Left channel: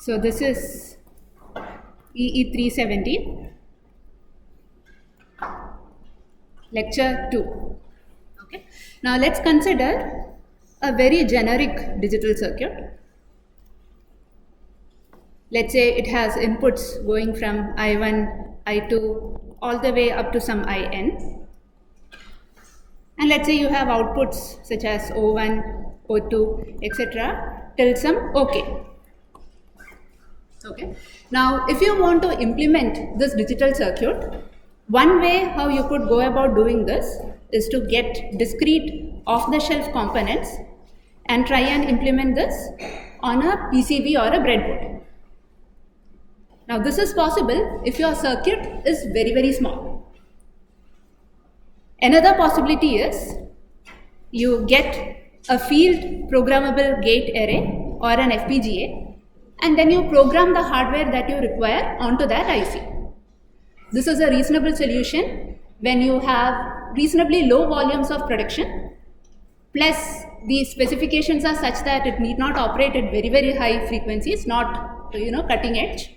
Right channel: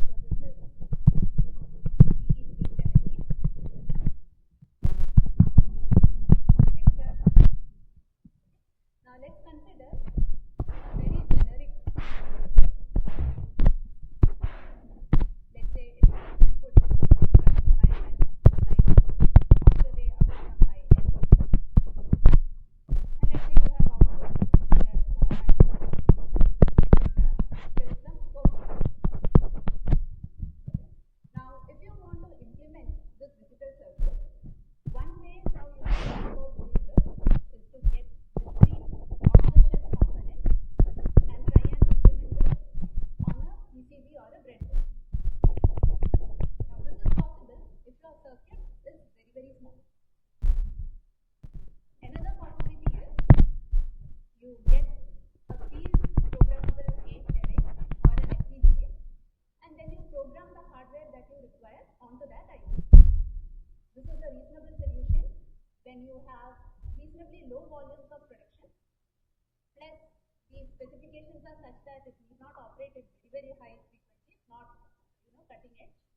So this is EE370, lecture 2. Okay. Now let's consider a very generic digital circuit. Let's say it has inputs going from I1, I2 all the way up to some IN. And let's say you have outputs such as O1, O2, etc. till some OK. Okay. Now, if you want to implement this digital circuit, one way how you could go about doing this is to get discrete off-the-shelf components and try and implement this on a PCB or a breadboard. Now, this is possible if your circuit is very, very small. Another possibility is you get a field programmable gate array or an FPGA, and then you program the hardware that you require onto that IC. This is a reasonable solution when you have reasonably low volumes of production, plus the specifications are such that it need not operate at very, very high frequencies, not cutting edge,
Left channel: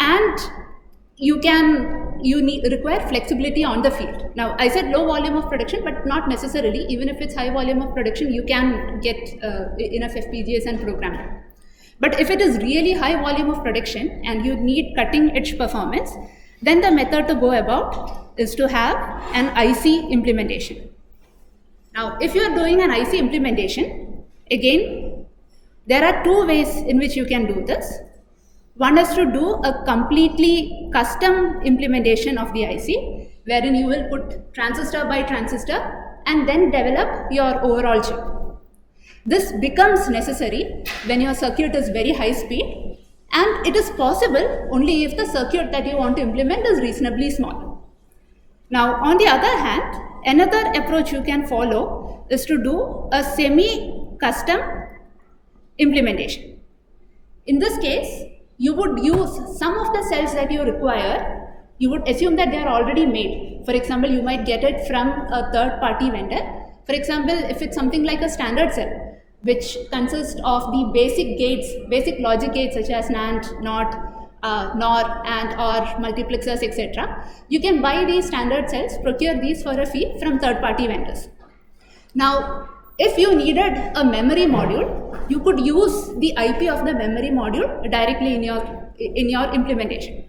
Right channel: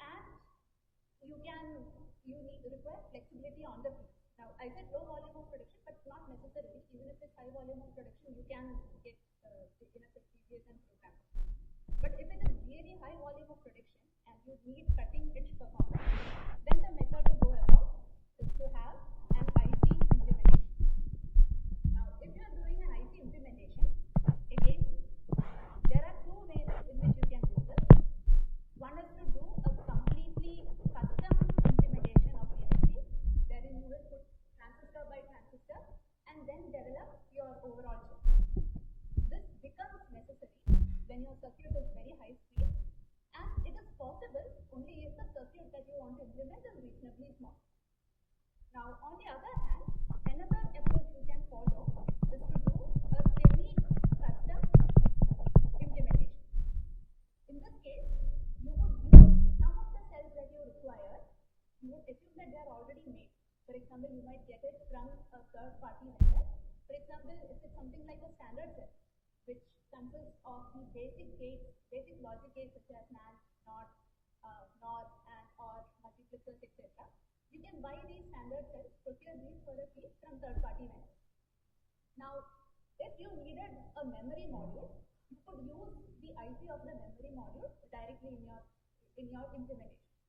and you require flexibility on the field. Now, I said low volume of production, but not necessarily. Even if it's high volume of production, you can get enough FPGAs and program it. But if it is really high volume of production and you need cutting edge performance, then the method to go about is to have an IC implementation. Now, if you are doing an IC implementation, again, there are two ways in which you can do this. One is to do a completely custom implementation of the IC, wherein you will put transistor by transistor and then develop your overall chip. This becomes necessary when your circuit is very high speed, and it is possible only if the circuit that you want to implement is reasonably small. Now, on the other hand, another approach you can follow is to do a semi-custom implementation. In this case, you would use some of the cells that you require. You would assume that they are already made. For example, you might get it from a third-party vendor. For example, if it's something like a standard cell, which consists of the basic gates, basic logic gates such as NAND, NOT, NOR, AND, OR, multiplexers, etc. You can buy these standard cells, procure these for a fee from third-party vendors. Now, if you needed a memory module, you could use the IP of the memory module directly in your implementation.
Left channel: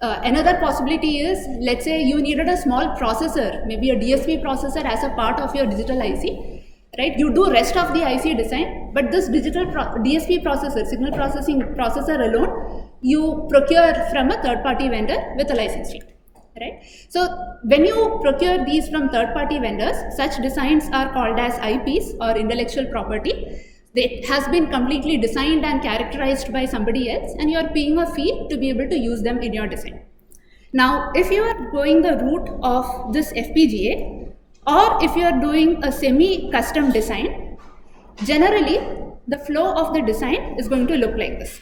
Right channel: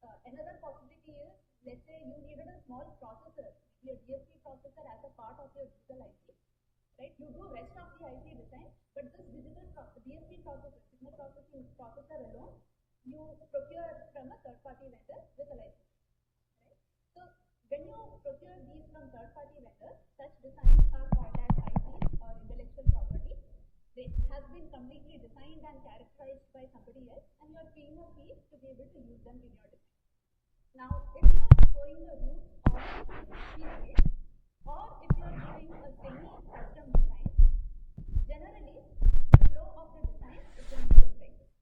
Another possibility is, let's say you needed a small processor, maybe a DSP processor as a part of your digital IC, right? You do rest of the IC design, but this digital DSP processor, signal processing processor alone, you procure from a third-party vendor with a license fee. Right? So when you procure these from third-party vendors, such designs are called as IPs or intellectual property. It has been completely designed and characterized by somebody else, and you are paying a fee to be able to use them in your design. Now, if you are going the route of this FPGA, or if you are doing a semi-custom design, generally the flow of the design is going to look like this.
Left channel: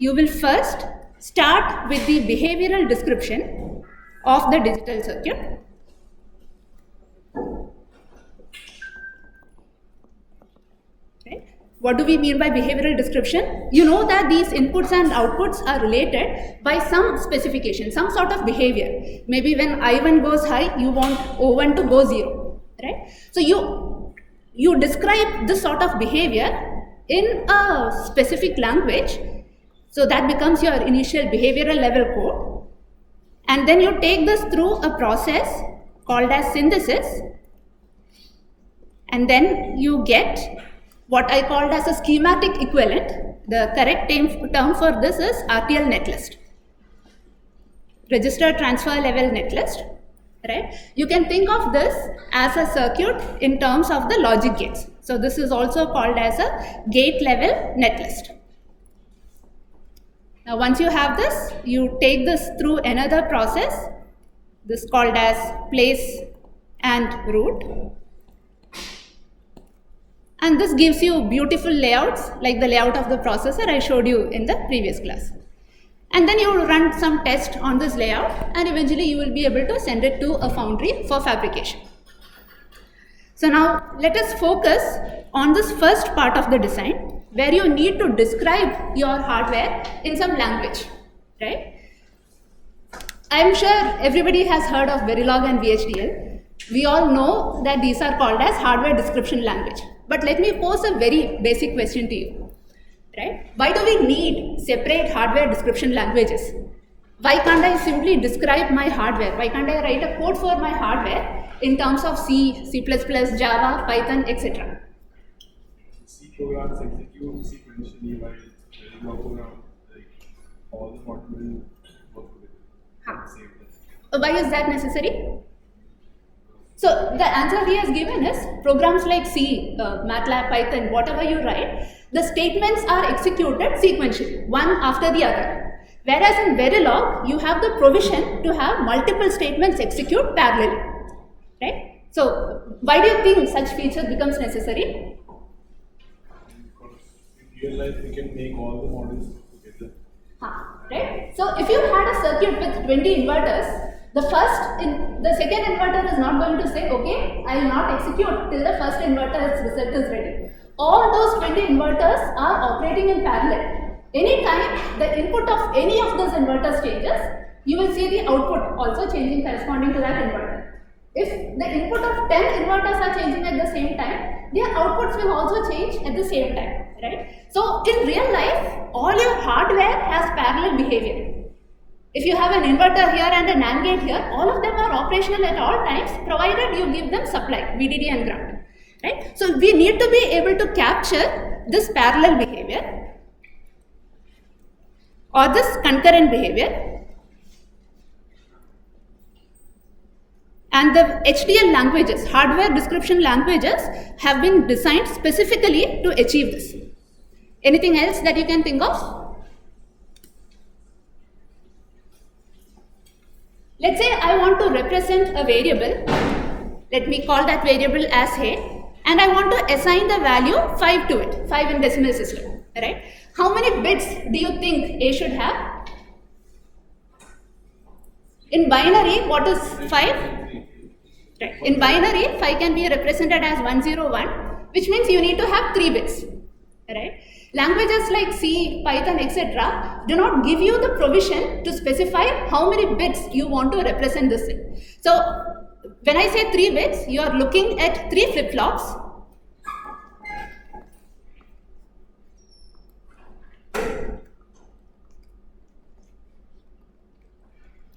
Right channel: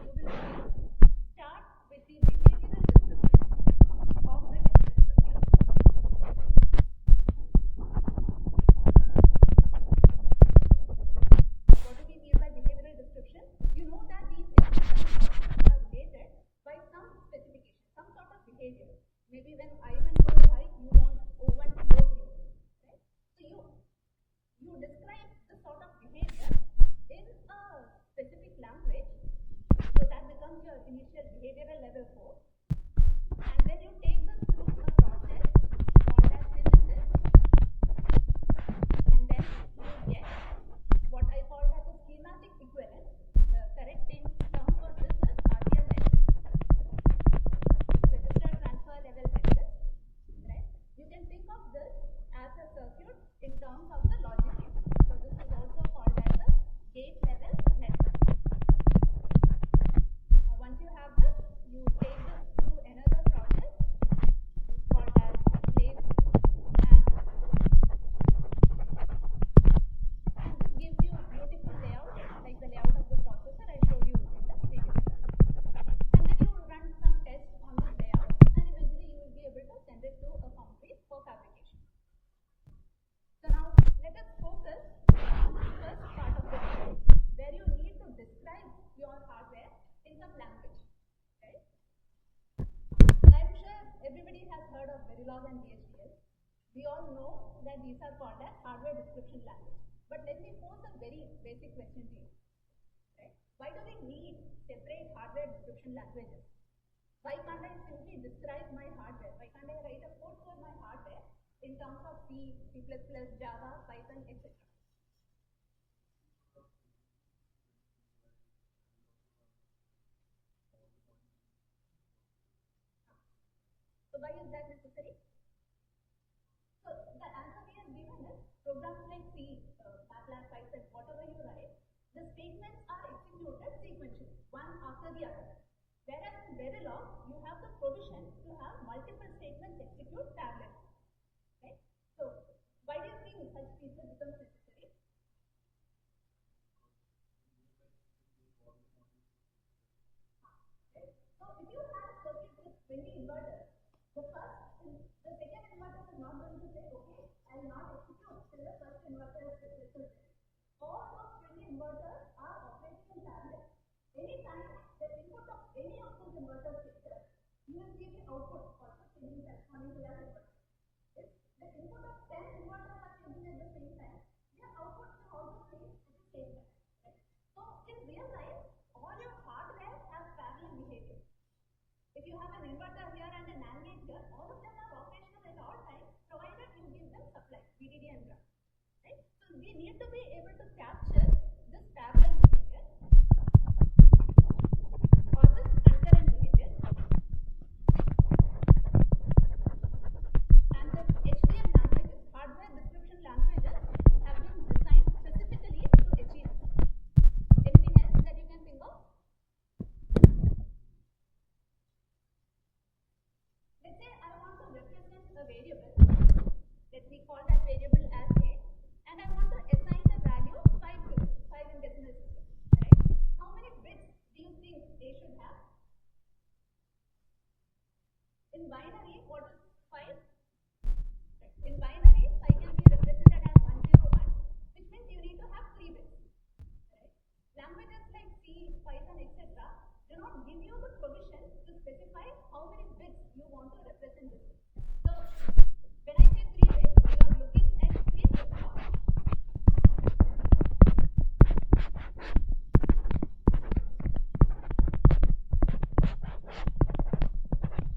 You will first start with the behavioral description of the digital circuit. Okay. What do we mean by behavioral description? You know that these inputs and outputs are related by some specification, some sort of behavior. Maybe when I1 goes high, you want O1 to go 0, right? So you describe this sort of behavior in a specific language. So that becomes your initial behavioral level code, and then you take this through a process called as synthesis, and then you get what I called as a schematic equivalent. The correct term for this is RTL netlist, register transfer level netlist, right? You can think of this as a circuit in terms of the logic gates. So this is also called as a gate level netlist. Now, once you have this, you take this through another process, this called as place and route. And this gives you beautiful layouts like the layout of the processor I showed you in the previous class. And then you will run some test on this layout, and eventually you will be able to send it to a foundry for fabrication. So now let us focus on this first part of the design, where you need to describe your hardware in some language, right? I'm sure everybody has heard of Verilog and VHDL. We all know that these are called as hardware description language. But let me pose a very basic question to you, right? Why do we need separate hardware description languages? Why can't I simply describe my hardware? Why can't I write a code for my hardware in terms of C, C++, Java, Python, etc.? C programs execute sequentially while Verilog program, like all the model will work together. Why is that necessary? So the answer he has given is programs like C, MATLAB, Python, whatever you write, the statements are executed sequentially, one after the other. Whereas in Verilog, you have the provision to have multiple statements execute parallelly, right? So why do you think such feature becomes necessary? Because in real life, we can make all the models together. Right? So if you had a circuit with 20 inverters, the second inverter is not going to say, okay, I will not execute till the first inverter's result is ready. All those 20 inverters are operating in parallel. Anytime the input of any of those inverters changes, you will see the output also changing corresponding to that inverter. If the input of 10 inverters are changing at the same time, their outputs will also change at the same time, right? So in real life, all your hardware has parallel behavior. If you have an inverter here and a NAND gate here, all of them are operational at all times, provided you give them supply, VDD and ground, right? So we need to be able to capture this parallel behavior or this concurrent behavior, and the HDL languages, hardware description languages, have been designed specifically to achieve this. Anything else that you can think of? Let's say I want to represent a variable. Let me call that variable as A, and I want to assign the value 5 to it, 5 in decimal system, right? How many bits do you think A should have? In binary, what is 5? Right. In binary, 5 can be represented as 101, which means you need to have 3 bits, right? Languages like C, Python, etc. do not give you the provision to specify how many bits you want to represent this in. So when I say 3 bits, you are looking at 3 flip-flops.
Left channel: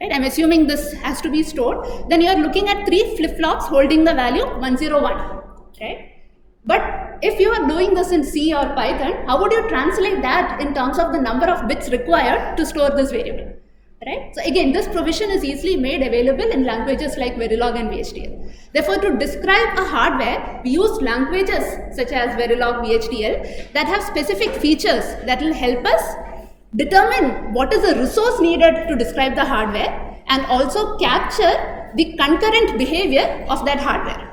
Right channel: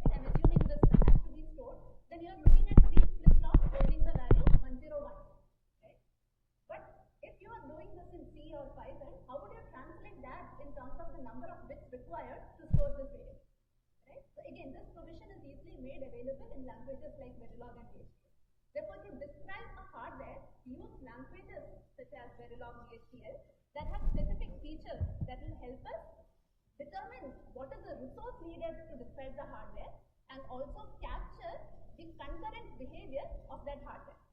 Right, I'm assuming this has to be stored. Then you are looking at 3 flip-flops holding the value 101, right? But if you are doing this in C or Python, how would you translate that in terms of the number of bits required to store this variable, right? So again, this provision is easily made available in languages like Verilog and VHDL. Therefore, to describe a hardware, we use languages such as Verilog, VHDL that have specific features that will help us determine what is the resource needed to describe the hardware and also capture the concurrent behavior of that hardware.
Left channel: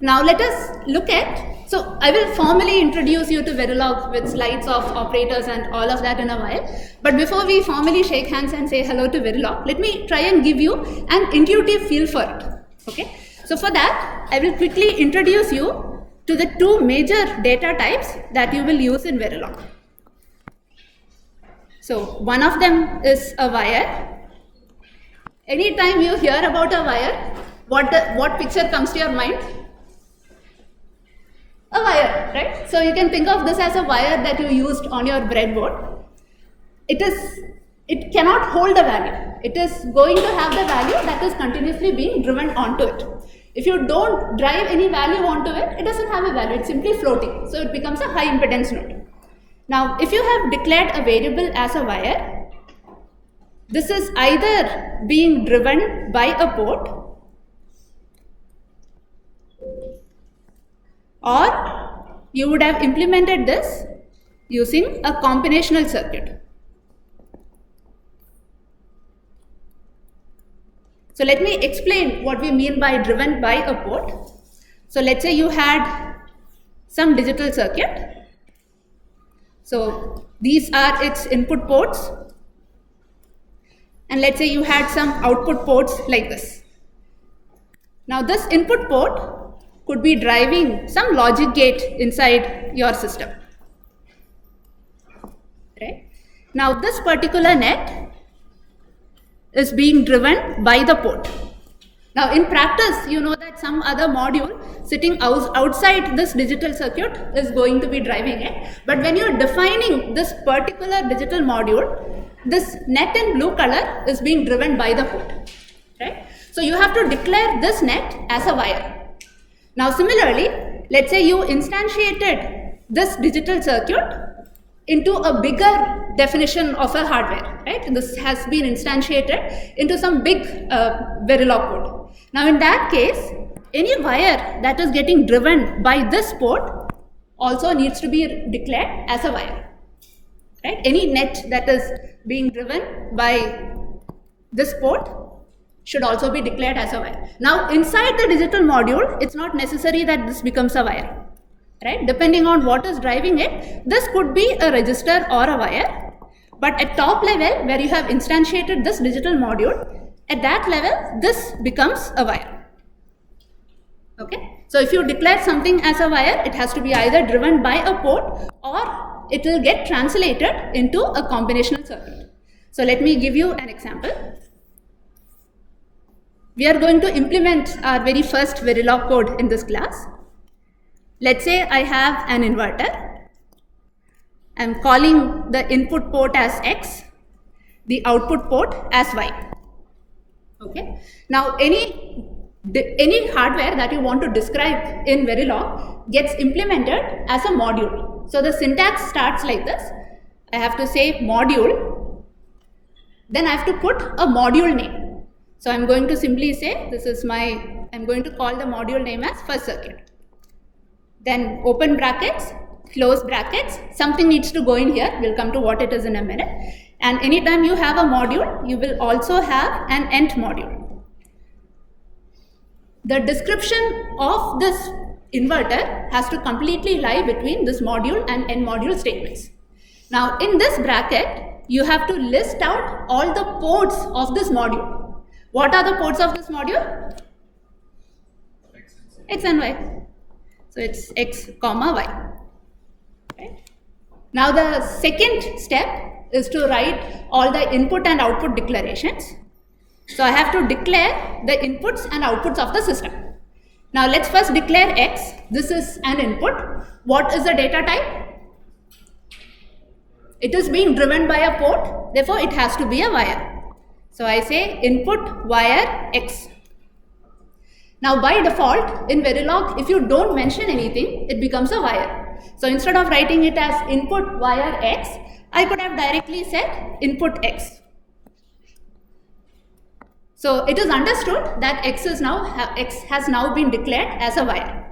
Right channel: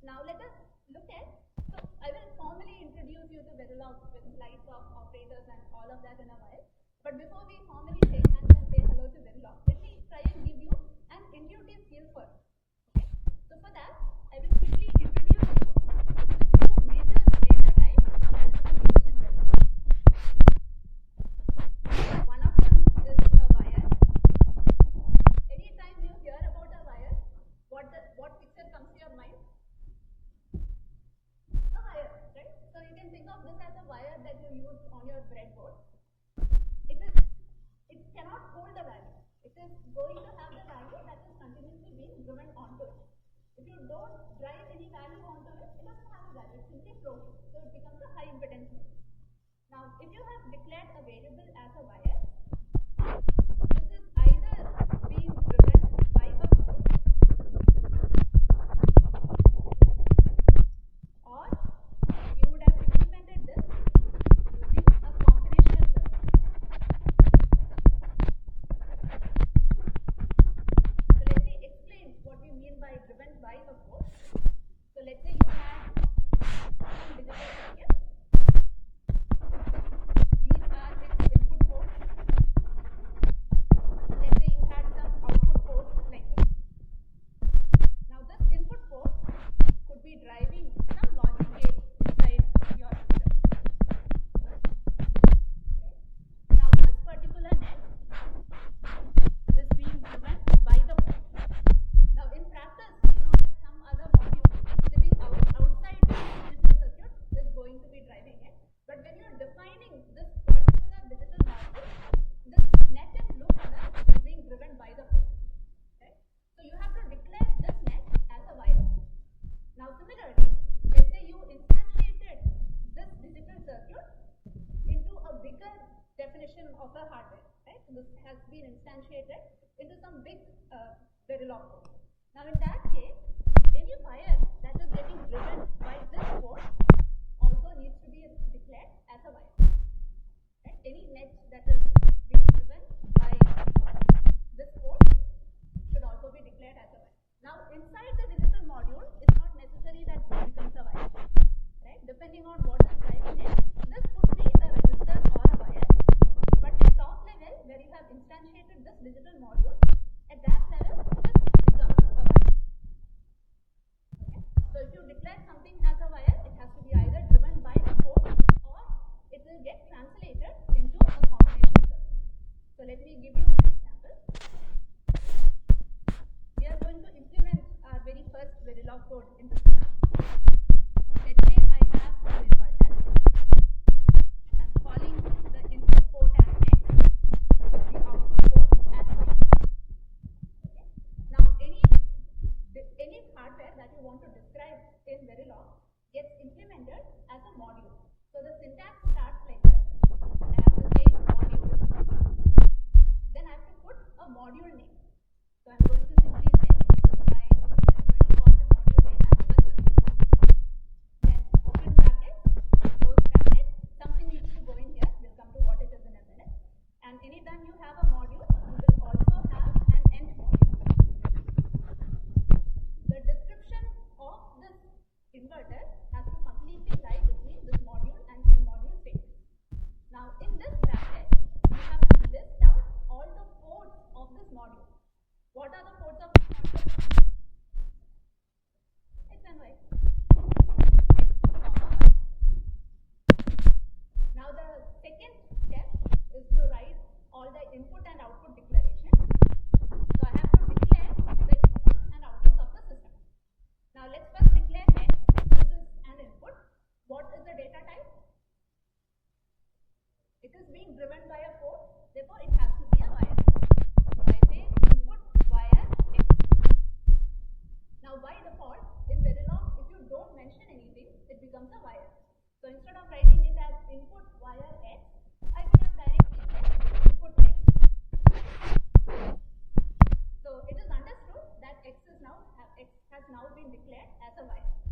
Now let us look at, so I will formally introduce you to Verilog with slides of operators and all of that in a while. But before we formally shake hands and say hello to Verilog, let me try and give you an intuitive feel for it. Okay. So for that, I will quickly introduce you to the 2 major data types that you will use in Verilog. So one of them is a wire. Anytime you hear about a wire, what picture comes to your mind? A wire, right? So you can think of this as a wire that you used on your breadboard. It cannot hold a value. It is going to have the value that is continuously being driven onto it. If you don't drive any value onto it, it doesn't have a value. It's simply floating. So it becomes a high impedance node. Now, if you have declared a variable as a wire, this is either being driven by a port or you would have implemented this using a combinational circuit. So let me explain what we mean by driven by a port. So let's say you had some digital circuit. So these are its input ports, and let's say you had some output ports like this. Now this input port could be driving some logic gate inside your system, Now this particular net is being driven by the port. Now in practice, you know that some other module sitting outside this digital circuit is going to be driving it. But when you're defining this particular digital module, this net in blue color is being driven by the port, right? So you have to declare this net as a wire. Now similarly, let's say you instantiated this digital circuit into a bigger definition of a hardware, right? This has been instantiated into some big Verilog code. Now in that case, any wire that is getting driven by this port also needs to be declared as a wire, right? Any net that is being driven by this port should also be declared as a wire. Now inside the digital module, it's not necessary that this becomes a wire, right? Depending on what is driving it, this could be a resistor or a wire. But at top level, where you have instantiated this digital module, at that level, this becomes a wire. Okay, so if you declare something as a wire, it has to be either driven by a port or it will get translated into a combinational circuit. So let me give you an example. We are going to implement our very first Verilog code in this class. Let's say I have an inverter. I'm calling the input port as X, the output port as Y. Okay. Now any hardware that you want to describe in Verilog gets implemented as a module. So the syntax starts like this. I have to say module, then I have to put a module name. So I'm going to simply say I'm going to call the module name as first circuit. Then open brackets, close brackets, something needs to go in here. We'll come to what it is in a minute. And anytime you have a module, you will also have an end module. The description of this inverter has to completely lie between this module and end module statements. Now in this bracket, you have to list out all the ports of this module. What are the ports of this module? X and Y. So it's X, comma, Y. Okay. Now the second step is to write all the input and output declarations. So I have to declare the inputs and outputs of the system. Now let's first declare X. This is an input. What is the data type? It is being driven by a port, therefore it has to be a wire. So I say input wire X. Now by default in Verilog, if you don't mention anything, it becomes a wire. So instead of writing it as input wire X, I could have directly said input X. So it is understood that X has now been declared as a wire.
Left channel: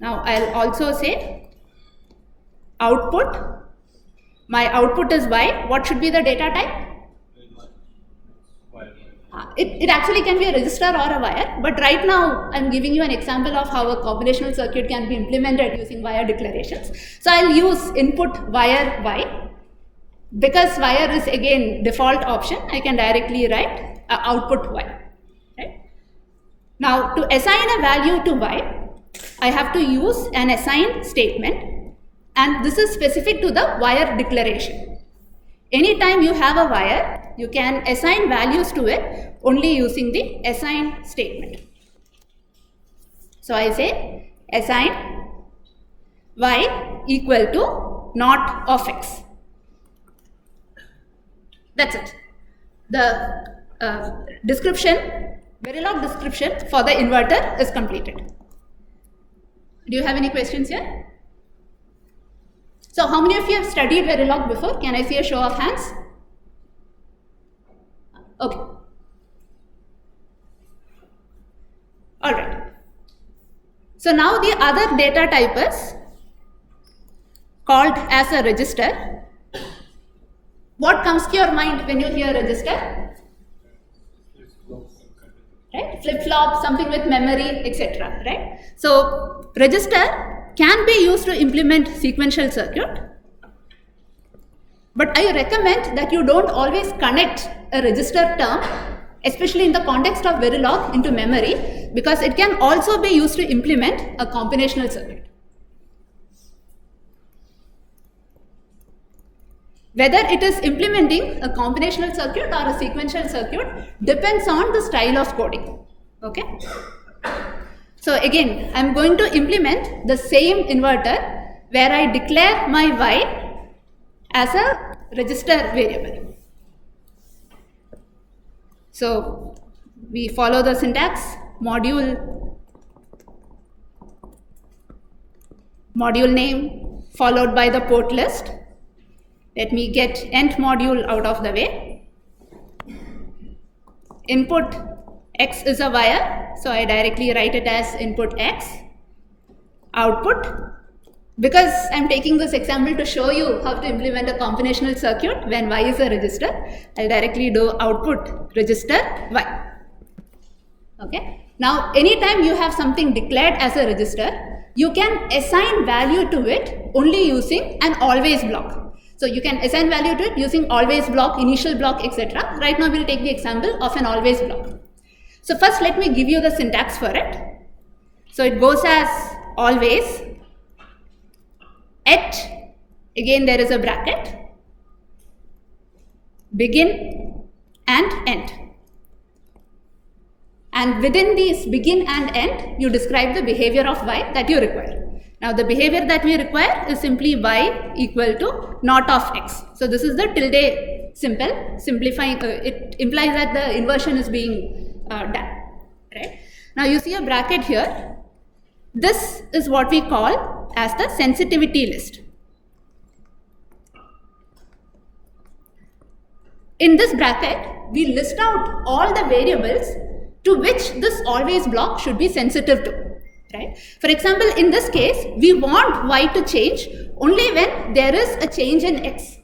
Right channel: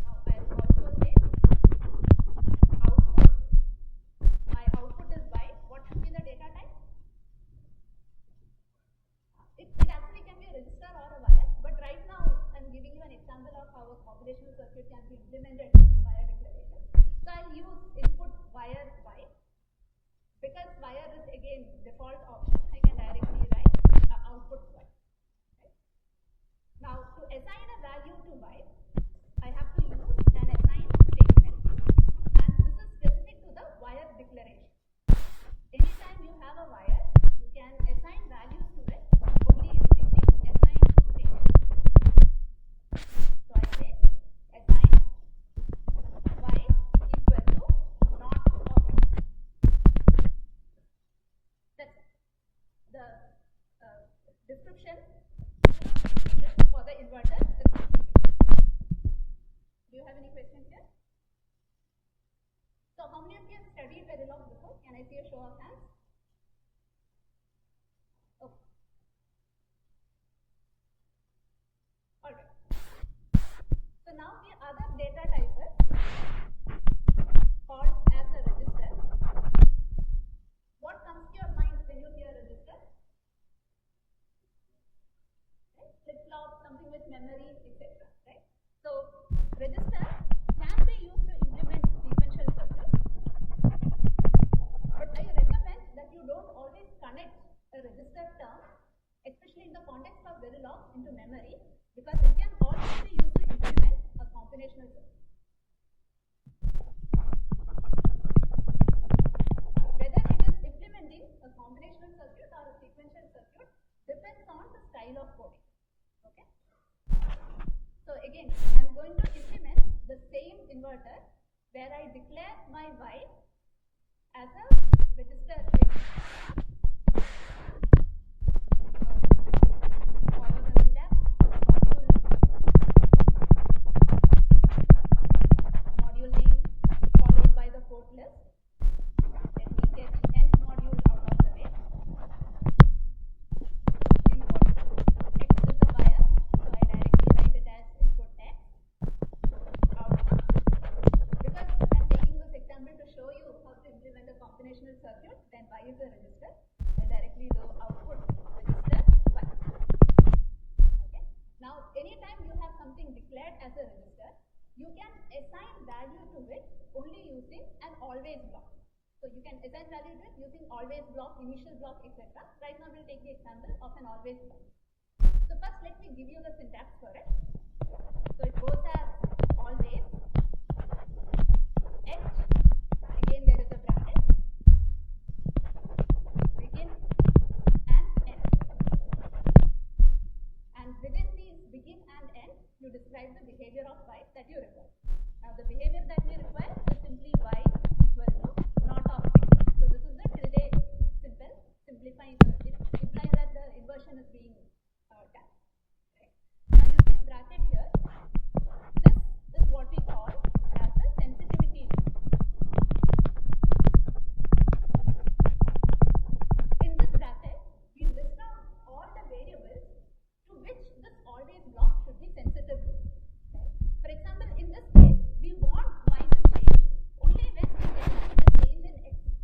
Now I'll also say output. My output is Y. What should be the data type? It actually can be a resistor or a wire, but right now I'm giving you an example of how a combinational circuit can be implemented using wire declarations. So I'll use input wire Y. Because wire is again default option, I can directly write output Y. Right? Now to assign a value to Y, I have to use an assign statement, and this is specific to the wire declaration. Anytime you have a wire, you can assign values to it only using the assign statement. So I say assign Y equal to not of X. That's it. The description, Verilog description for the inverter is completed. Do you have any questions here? So how many of you have studied Verilog before? Can I see a show of hands? Okay. Alright. So now the other data type is called as a register. What comes to your mind when you hear register? Right? Flip-flop, something with memory, etc. Right? So register can be used to implement sequential circuit, but I recommend that you don't always connect a register term, especially in the context of Verilog, into memory, because it can also be used to implement a combinational circuit. Whether it is implementing a combinational circuit or a sequential circuit depends on the style of coding. Okay. So again, I'm going to implement the same inverter where I declare my Y as a register variable. So we follow the syntax: module name followed by the port list. Let me get nth module out of the way. Input X is a wire, so I directly write it as input X. Output, because I'm taking this example to show you how to implement a combinational circuit when Y is a register, I'll directly do output register Y. Okay. Now, anytime you have something declared as a register, you can assign value to it only using an always block. So you can assign value to it using always block, initial block, etc. Right now we'll take the example of an always block. So first let me give you the syntax for it. So it goes as always at, again there is a bracket, begin and end. And within these begin and end, you describe the behavior of Y that you require. Now the behavior that we require is simply Y equal to not of X. So this is the tilde symbol, simplifying, it implies that the inversion is being done, right? Now you see a bracket here. This is what we call as the sensitivity list. In this bracket, we list out all the variables to which this always block should be sensitive to. Right? For example, in this case, we want Y to change only when there is a change in X.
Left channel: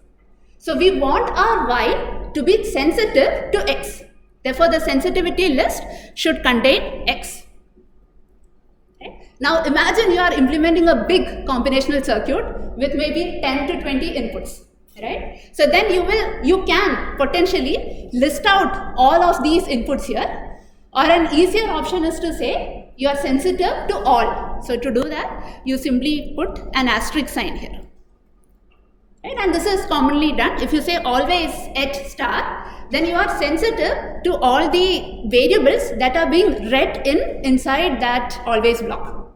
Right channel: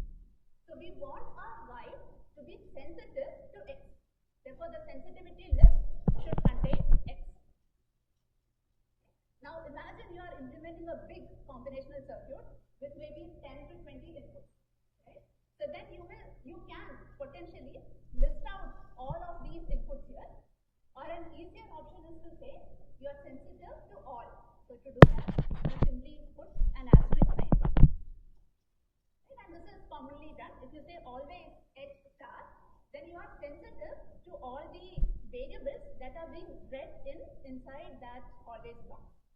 So we want our Y to be sensitive to X. Therefore, the sensitivity list should contain X. Okay? Now imagine you are implementing a big combinational circuit with maybe 10 to 20 inputs. Right? So then you can potentially list out all of these inputs here, or an easier option is to say you are sensitive to all. So to do that, you simply put an asterisk sign here. Right? And this is commonly done. If you say always at star, then you are sensitive to all the variables that are being read inside that always block.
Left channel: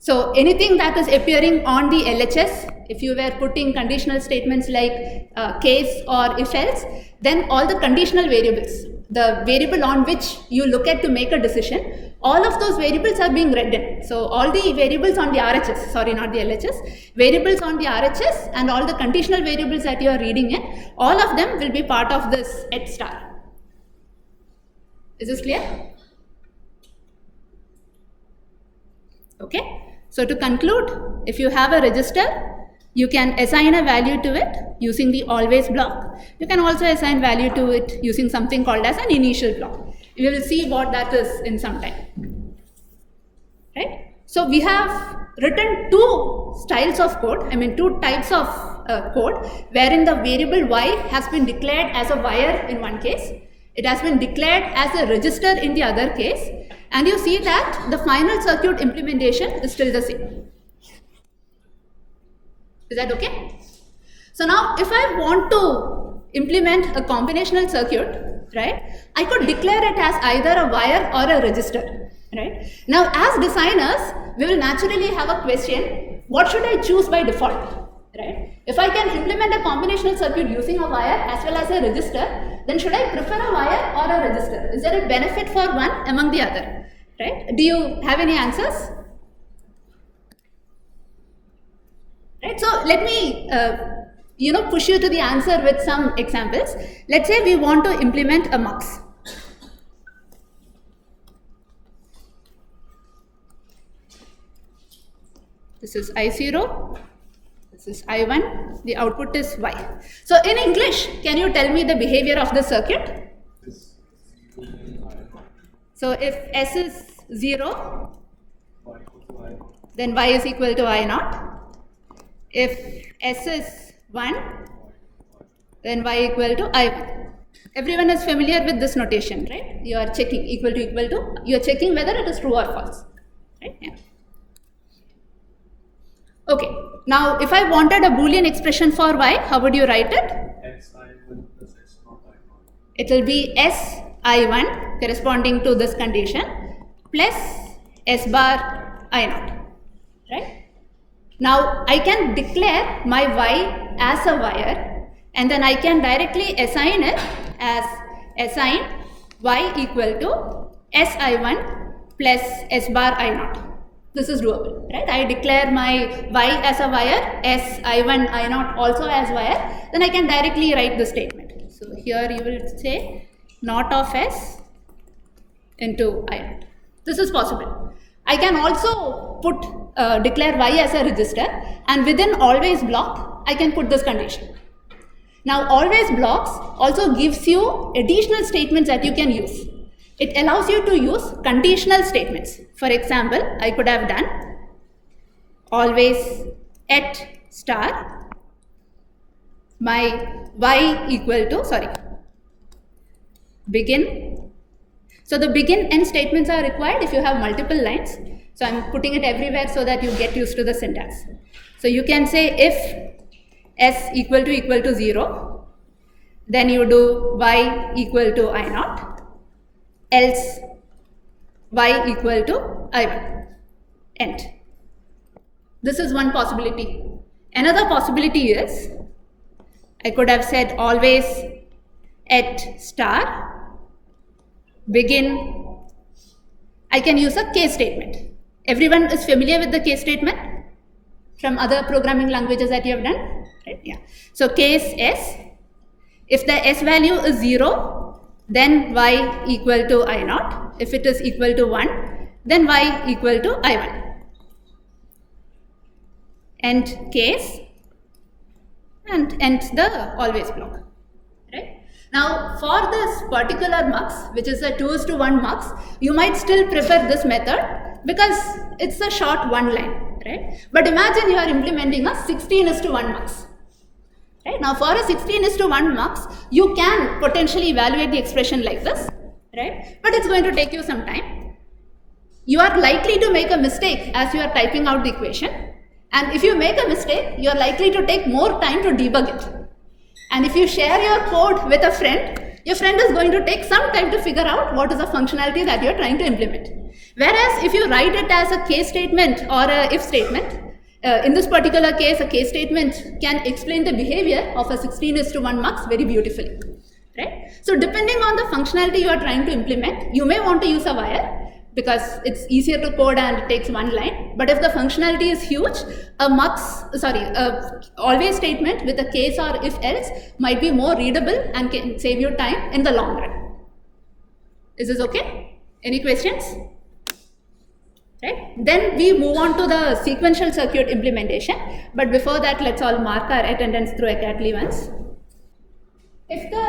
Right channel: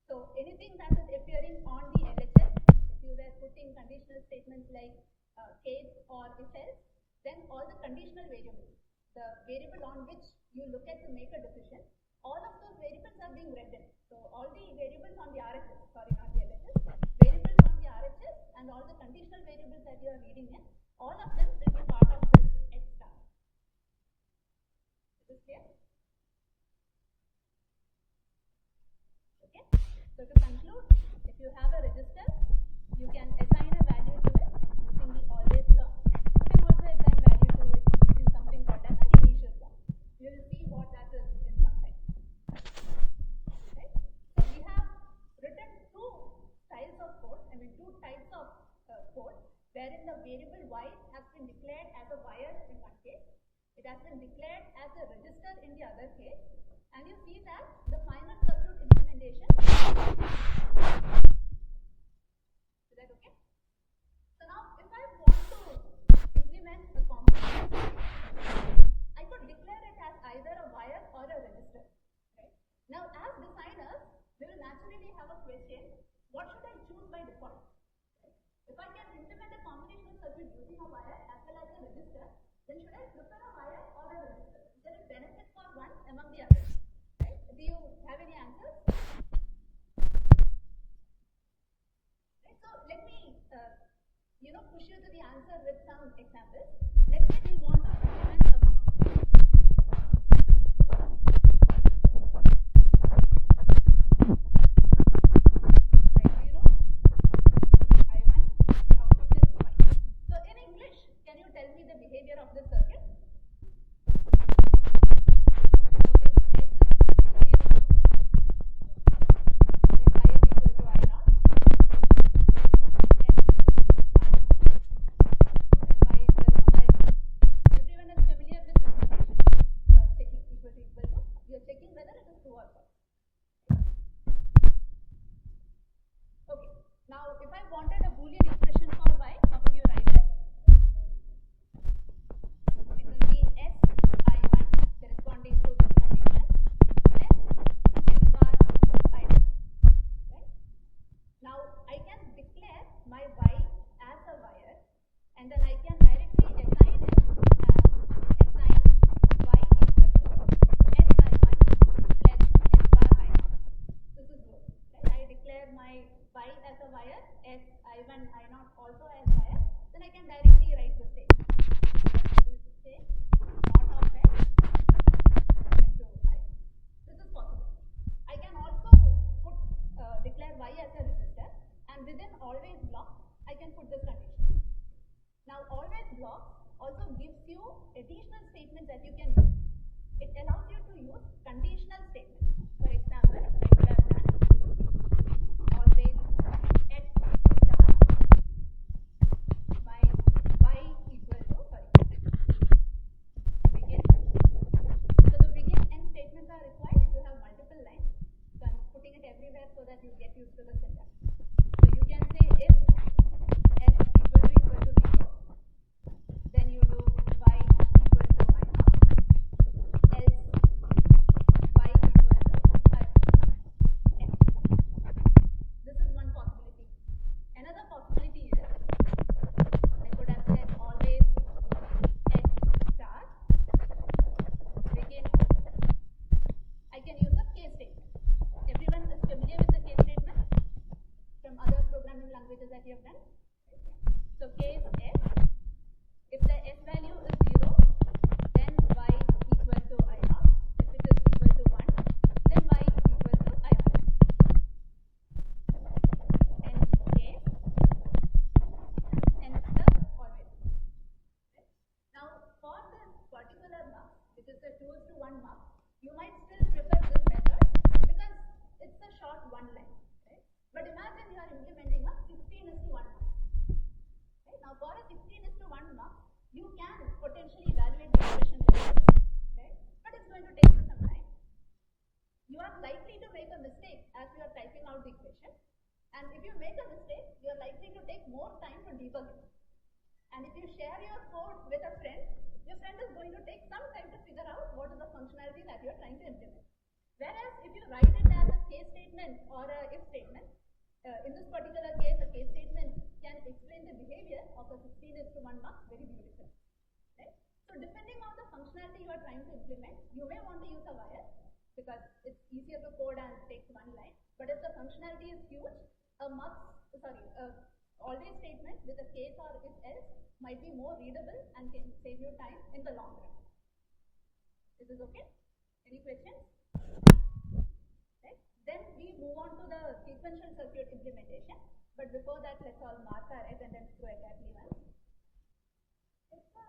So anything that is appearing on the LHS, if you were putting conditional statements like case or if else, then all the conditional variables, the variable on which you look at to make a decision, all of those variables are being read in. So all the variables on the RHS, sorry, not the LHS, variables on the RHS and all the conditional variables that you are reading in, all of them will be part of this at star. Is this clear? Okay. So to conclude, if you have a register, you can assign a value to it using the always block. You can also assign value to it using something called as an initial block. We will see what that is in some time. Right? So we have written two styles of code, two types of code, wherein the variable Y has been declared as a wire in one case. It has been declared as a register in the other case. And you see that the final circuit implementation is still the same. Is that okay? So now if I want to implement a combinational circuit, right, I could declare it as either a wire or a register, right? Now as designers, we will naturally have a question, what should I choose by default, right? If I can implement a combinational circuit using a wire as well as a register, then should I prefer a wire or a register? Is there a benefit for one among the other, right? Do you have any answers? Right, so let me push you to the answer with some examples. Let's say we want to implement a mux. This is I0, this is I1, the output is Y. So in English, can you tell me the behavior of the circuit? So if S is 0, then Y is equal to I0. If S is 1, then Y equal to I1. Everyone is familiar with this notation, right? You are checking equal to, you are checking whether it is true or false, right? Yeah. Okay, now if I wanted a Boolean expression for y, how would you write it? xi1 plus x naught I0. It will be si1 corresponding to this condition plus s bar I0, right? Now I can declare my y as a wire, and then I can directly assign it as assign y equal to si1 plus s bar I0. This is doable, right? I declare my y as a wire, si1 I0 also as wire, then I can directly write the statement. So here you will say not of s into I0. This is possible. I can also put declare y as a register, and within always block I can put this condition. Now always blocks also gives you additional statements that you can use. It allows you to use conditional statements. For example, I could have done always at star my y equal to begin. So the begin end statements are required if you have multiple lines. So I'm putting it everywhere so that you get used to the syntax. So you can say if s equal to 0, then you do y equal to I0, else y equal to I1, end. This is one possibility. Another possibility is I could have said always at star begin. I can use a case statement. Everyone is familiar with the case statement from other programming languages that you have done, right? Yeah. So case s, if the s value is 0, then y equal to I0. If it is equal to 1, then y equal to I1. End case and end the always block. Now, for this particular mux, which is a 2:1 mux, you might still prefer this method because it's a short one line, right? But imagine you are implementing a 16:1 mux, right? Now, for a 16:1 mux, you can potentially evaluate the expression like this, right? But it's going to take you some time. You are likely to make a mistake as you are typing out the equation, and if you make a mistake, you are likely to take more time to debug it. And if you share your code with a friend, your friend is going to take some time to figure out what is the functionality that you're trying to implement. Whereas if you write it as a case statement or a if statement, in this particular case, a case statement can explain the behavior of a 16:1 mux very beautifully, right? So depending on the functionality you are trying to implement, you may want to use a wire because it's easier to code and it takes one line. But if the functionality is huge, a always statement with a case or if else might be more readable and can save you time in the long run. Is this okay? Any questions? Right? Then we move on to the sequential circuit implementation. But before that, let's all mark our attendance through academy once. If the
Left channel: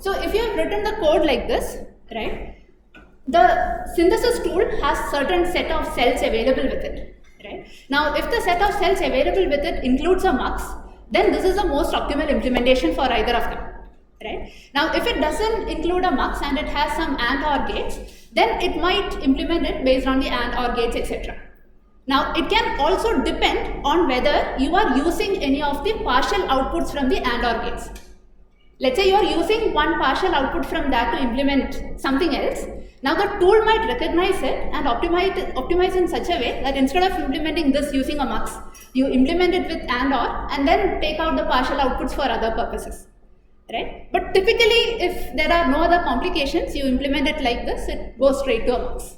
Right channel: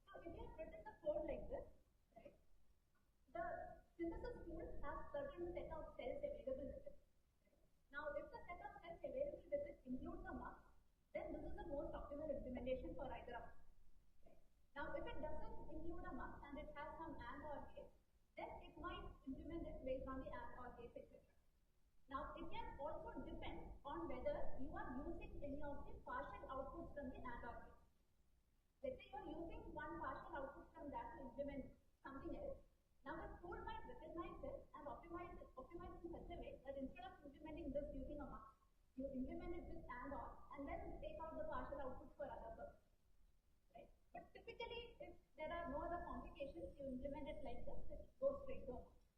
so if you have written the code like this, right? The synthesis tool has certain set of cells available with it, right? Now, if the set of cells available with it includes a mux, then this is the most optimal implementation for either of them, right? Now, if it doesn't include a mux and it has some AND OR gates, then it might implement it based on the AND OR gates, etc. Now, it can also depend on whether you are using any of the partial outputs from the AND OR gates. Let's say you are using one partial output from that to implement something else. Now the tool might recognize it and optimize in such a way that instead of implementing this using a mux, you implement it with AND OR and then take out the partial outputs for other purposes, right? But typically, if there are no other complications, you implement it like this, it goes straight to a mux.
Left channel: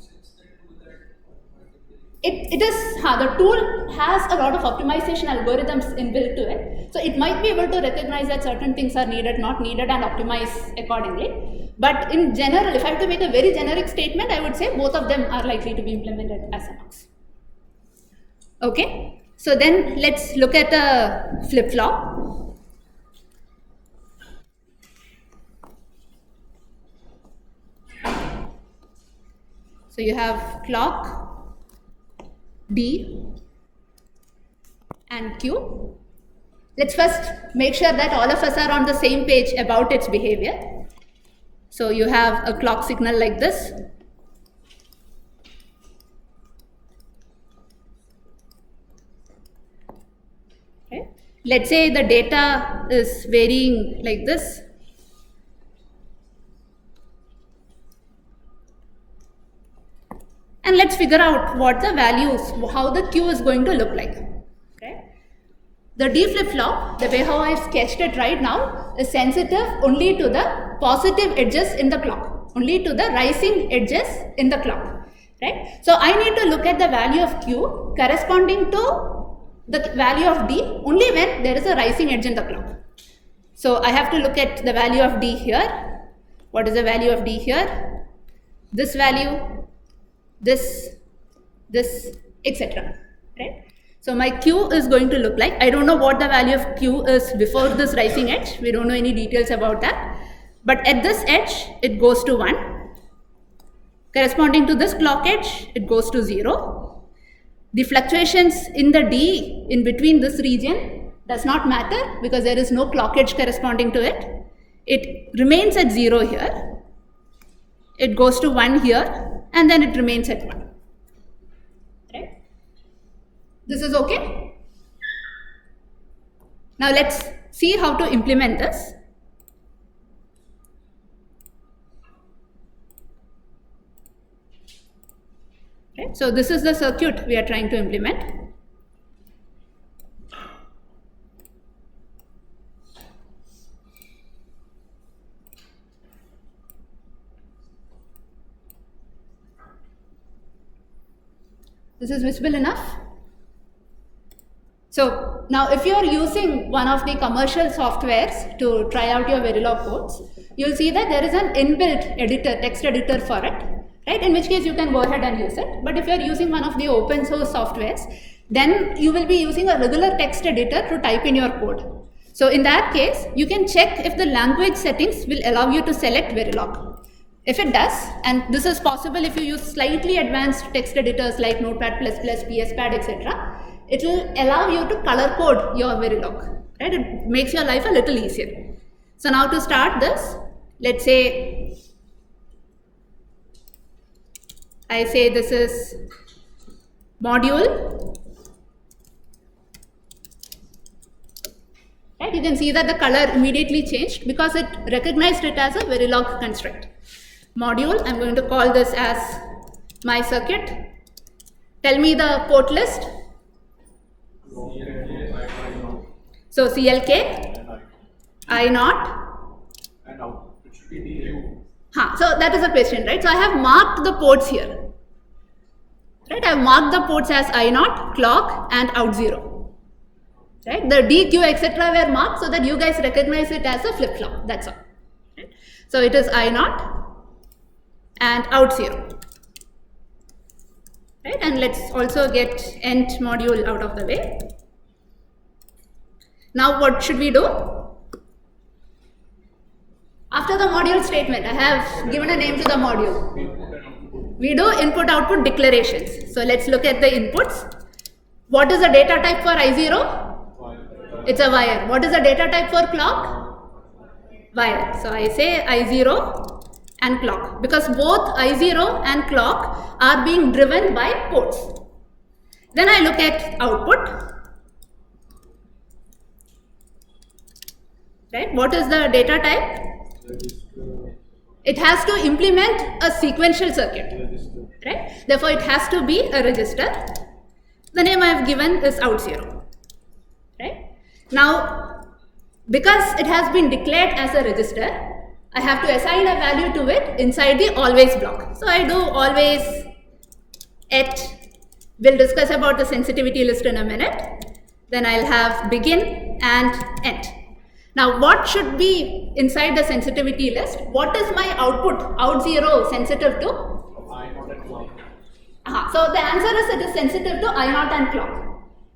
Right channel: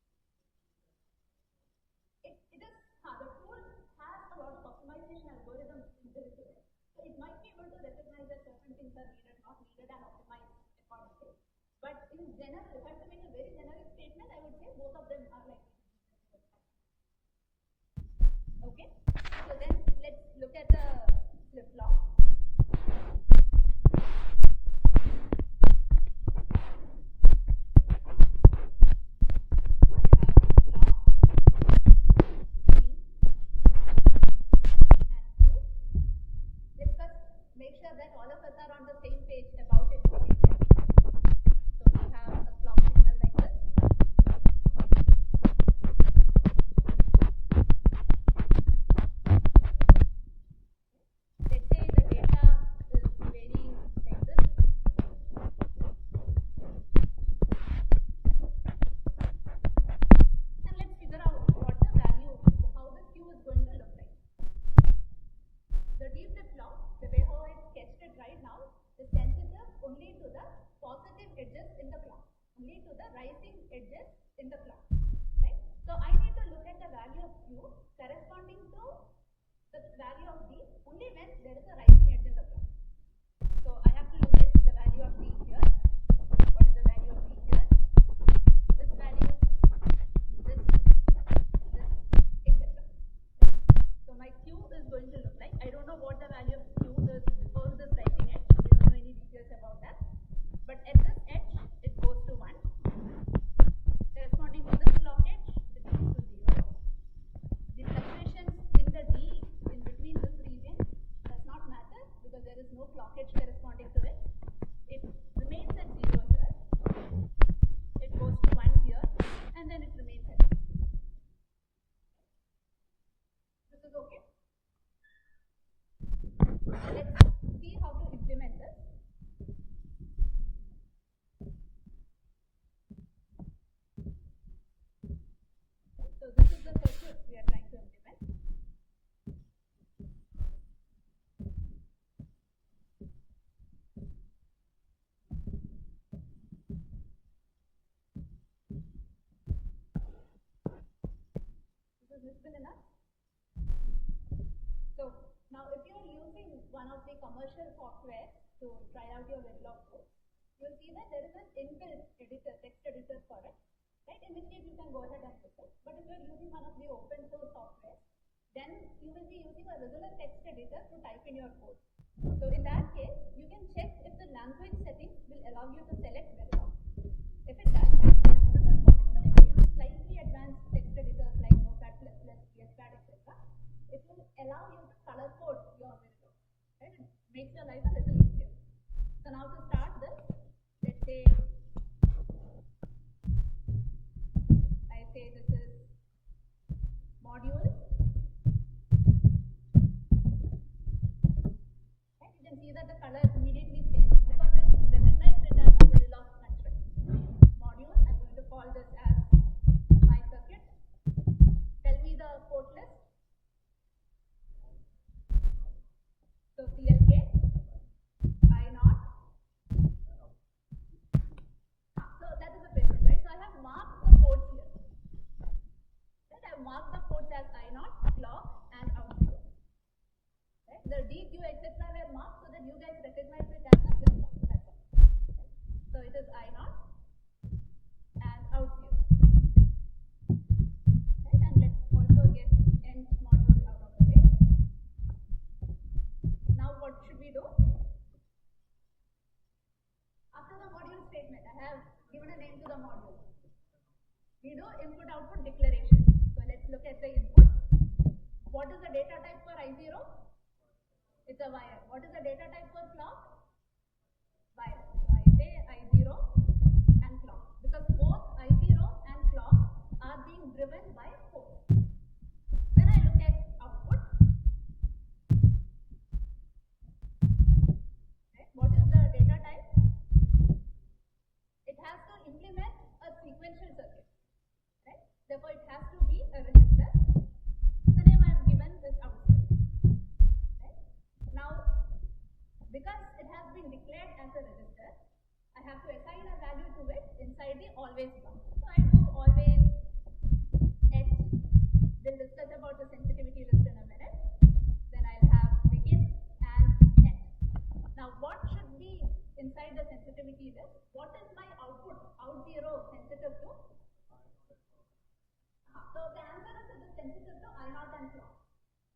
The tool has a lot of optimization algorithms inbuilt to it. So it might be able to recognize that certain things are needed, not needed, and optimize accordingly. But in general, if I have to make a very generic statement, I would say both of them are likely to be implemented as a mux. Okay, so then let's look at the flip-flop. So you have clock, D and Q. Let's first make sure that all of us are on the same page about its behavior. So you have a clock signal like this. Let's say the data is varying like this. And let's figure out what the values, how the Q is going to look like. Right? The D flip-flop, the way how I sketched it right now, is sensitive only to the positive edges in the clock, only to the rising edges in the clock. Right? So I need to look at the value of Q corresponding to the value of D only when there is a rising edge in the clock. So I have to look at the value of D here. What is the value of D here? This value, this, etc. Right? So my Q is going to look like, I don't know what the value of Q is before this rising edge. We don't know any details about that. But at this edge, it goes to 1. Corresponding to this clock edge, it goes to 0. The fluctuations in the D in between this region does not matter because there is no clock edge corresponding to it. It remains at 0 here. It goes to 1 here, and then it remains at 1. Right? This is okay? Now let's see how to implement this. Right? So this is the circuit we are trying to implement. This is visible enough? So now if you are using one of the commercial softwares to try out your Verilog codes, you'll see that there is an inbuilt editor, text editor for it, right? In which case you can go ahead and use it. But if you are using one of the open source softwares, then you will be using a regular text editor to type in your code. So in that case, you can check if the language settings will allow you to select Verilog. If it does, and this is possible if you use slightly advanced text editors like Notepad++, PSPad, etc., it will allow you to color code your Verilog. Right? It makes your life a little easier. So now to start this, let's say I say this is module. Right? You can see that the color immediately changed because it recognized it as a Verilog construct. Module, I'm going to call this as my circuit. Tell me the port list. So CLK, I0. And out. It should be DQ. So that is a question, right? So I have marked the ports here. Right? I have marked the ports as I0, clock, and out 0. Right? The DQ, etc. were marked so that you guys recognize it as a flip-flop. That's all. Right? So it is I0 and out 0. Right? And let's also get end module out of the way. Now what should we do? After the module statement, I have given a name to the module. We do input-output declarations. So let's look at the inputs. What is the data type for I0? It's a wire. What is the data type for clock? Wire. So I say I0 and clock, because both I0 and clock are being driven by ports. Then I look at output. Right? What is the data type? It has to implement a sequential circuit. Right? Therefore, it has to be a register. The name I have given is out 0. Right? Now, because it has been declared as a register, I have to assign a value to it inside the always block. So I do always at, we'll discuss about the sensitivity list in a minute. Then I'll have begin and end. Now what should be inside the sensitivity list? What is my output, out 0, sensitive to? I0 and clock. So the answer is it is sensitive to I0 and clock.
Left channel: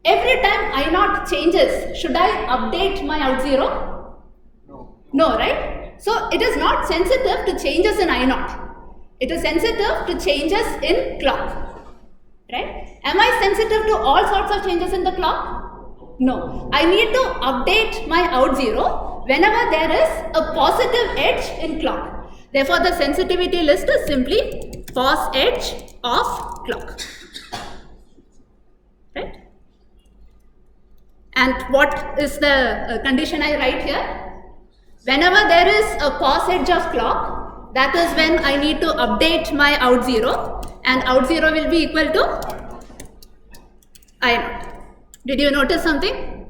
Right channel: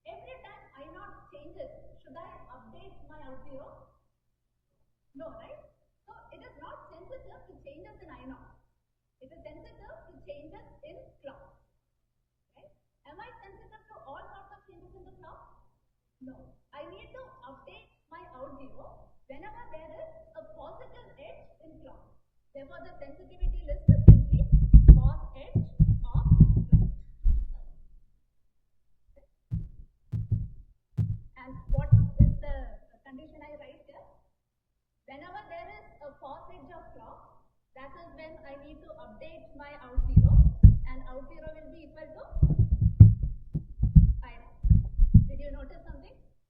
Every time I0 changes, should I update my out 0? No. No, right? So it is not sensitive to changes in I0. It is sensitive to changes in clock. Right? Am I sensitive to all sorts of changes in the clock? No. I need to update my out 0 whenever there is a positive edge in clock. Therefore, the sensitivity list is simply pos edge of clock. Right? And what is the condition I write here? Whenever there is a pause edge of clock, that is when I need to update my out 0, and out 0 will be equal to I naught. Did you notice something?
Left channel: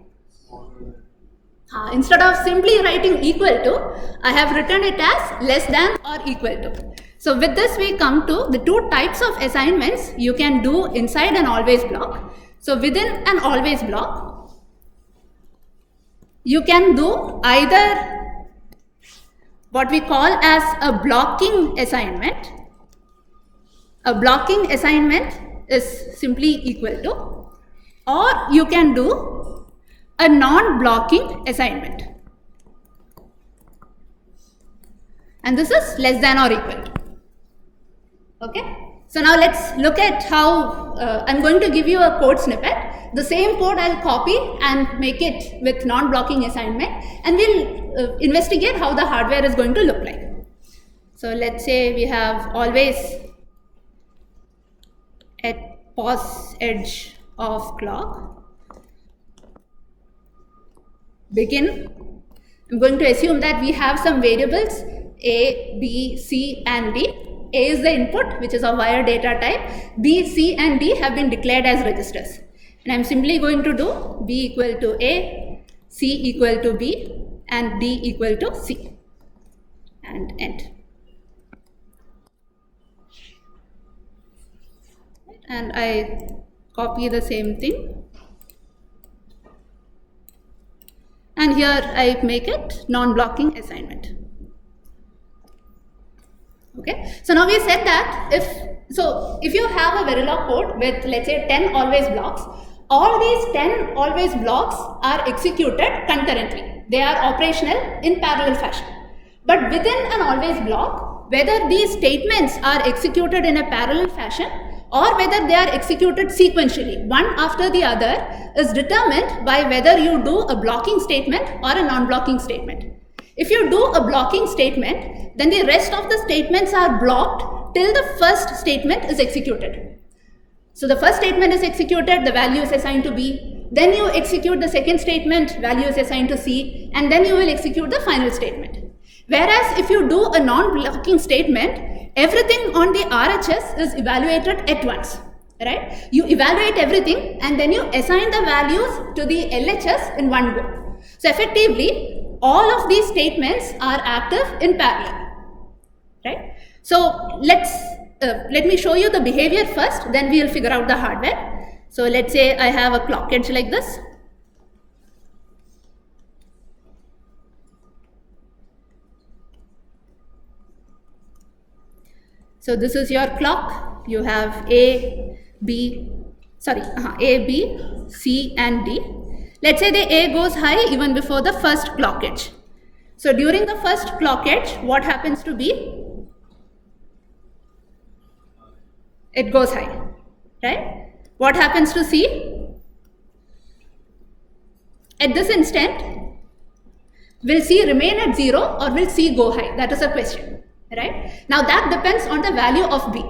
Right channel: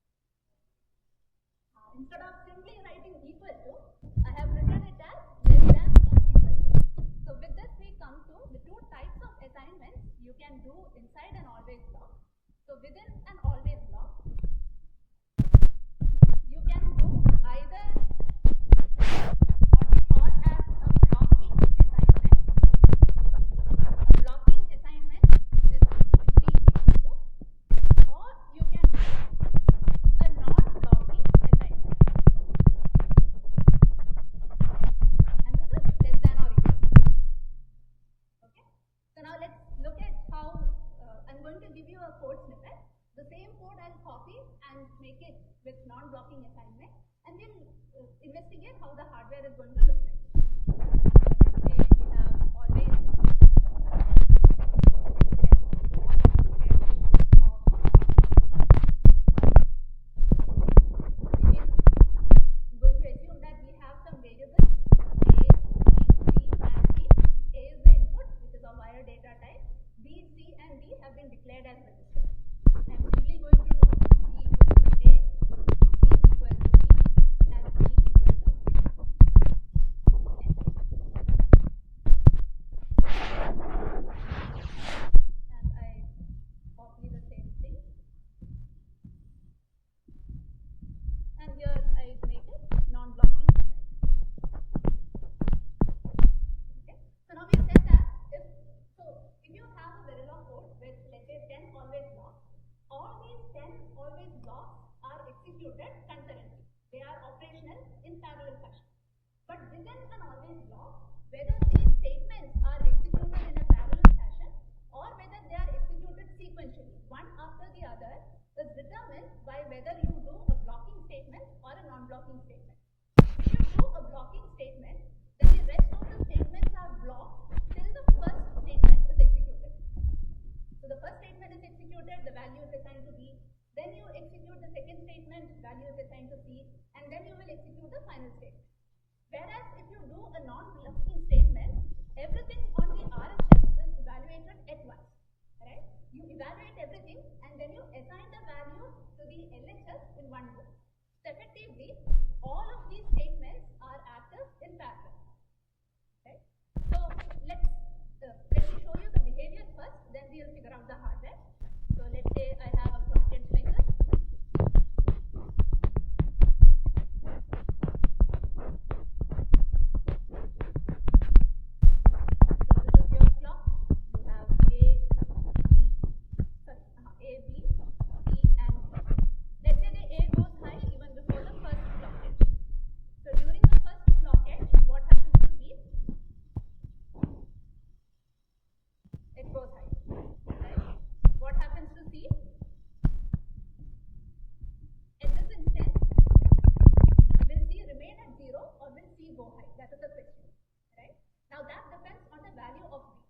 Instead of simply writing equal to, I have written it as less than or equal to. So with this we come to the two types of assignments you can do inside an always block. So within an always block, you can do either what we call as a blocking assignment. A blocking assignment is simply equal to, or you can do a non-blocking assignment. And this is less than or equal to. Okay. So now let's look at how I'm going to give you a code snippet. The same code I'll copy and make it with non-blocking assignment, and we'll investigate how the hardware is going to look like. So let's say we have always at pause edge of clock. Begin. I'm going to assume that we have some variables A, B, C and D. A is the input, which is of wire data type. B, C and D have been declared as registers. And I'm simply going to do B equal to A, C equal to B and D equal to C and end. And I copy the same thing. And here I make it non-blocking assignment. Okay. So now we said that if you have a Verilog code with, let's say, 10 always blocks, all these 10 always blocks are executed concurrently. They are operational in parallel fashion. But within an always block, whether these statements are executed in a parallel fashion or whether they are executed sequentially, one after the other, is determined by whether you do a blocking statement or a non-blocking statement. If you do a blocking statement, then the rest of the statements are blocked till the first statement is executed. So the first statement is executed, the value is assigned to B. Then you execute the second statement, value is assigned to C, and then you will execute the final statement. Whereas if you do a non-blocking statement, everything on the RHS is evaluated at once, right? You evaluate everything and then you assign the values to the LHS in one go. So effectively, all of these statements are active in parallel, right? So let me show you the behavior first, then we will figure out the hardware. So let's say I have a clock edge like this. So this is your clock. You have A, B, C and D. Let's say the A goes high even before the first clock edge. So during the first clock edge, what happens to B? It goes high, right? What happens to C? At this instant, will C remain at 0 or will C go high? That is a question, right? Now that depends on the value of B.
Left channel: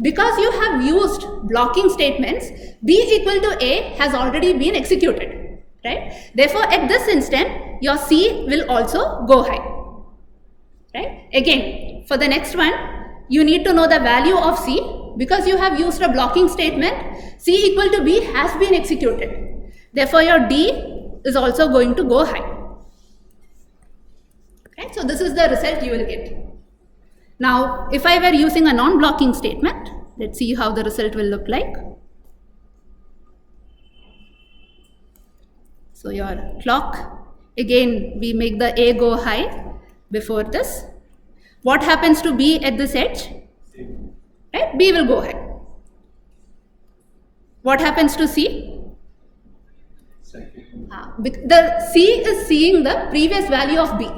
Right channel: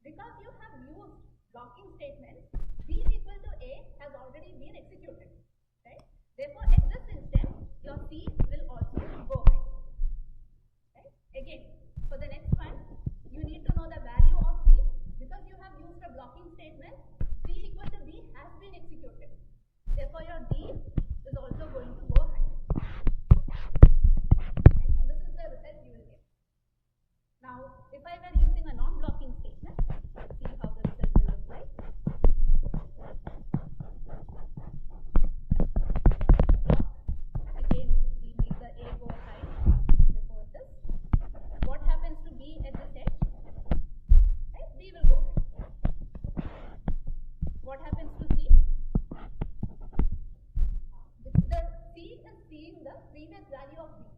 Because you have used blocking statements, B equal to A has already been executed, right? Therefore, at this instant, your C will also go high, right? Again, for the next one, you need to know the value of C. Because you have used a blocking statement, C equal to B has been executed. Therefore, your D is also going to go high. Right? So this is the result you will get. Now, if I were using a non-blocking statement, let's see how the result will look like. So your clock, again, we make the A go high before this. What happens to B at this edge? Right? B will go high. What happens to C? The C is seeing the previous value of B,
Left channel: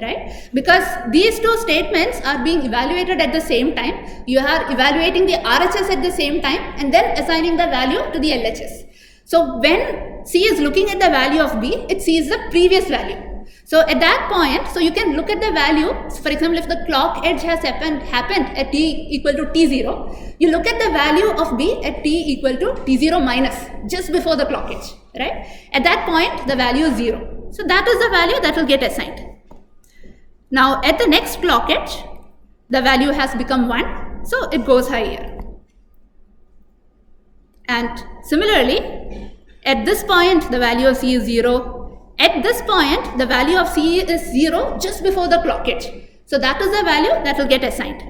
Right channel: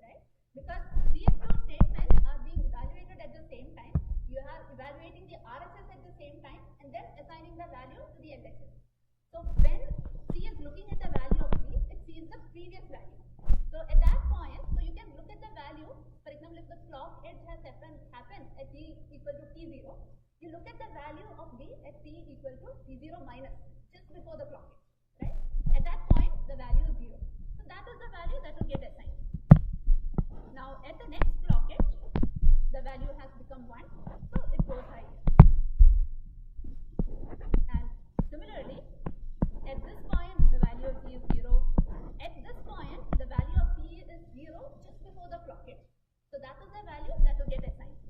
right? Because these two statements are being evaluated at the same time. You are evaluating the RHS at the same time and then assigning the value to the LHS. So when C is looking at the value of B, it sees the previous value. So at that point, so you can look at the value. For example, if the clock edge has happened at t equal to t0, you look at the value of B at t equal to t0 minus, just before the clock edge. right? At that point, the value is 0. So that is the value that will get assigned. Now at the next clock edge, the value has become 1, so it goes higher. And similarly, at this point, the value of C is 0. At this point, the value of C is 0 just before the clock edge. So that is the value that will get assigned.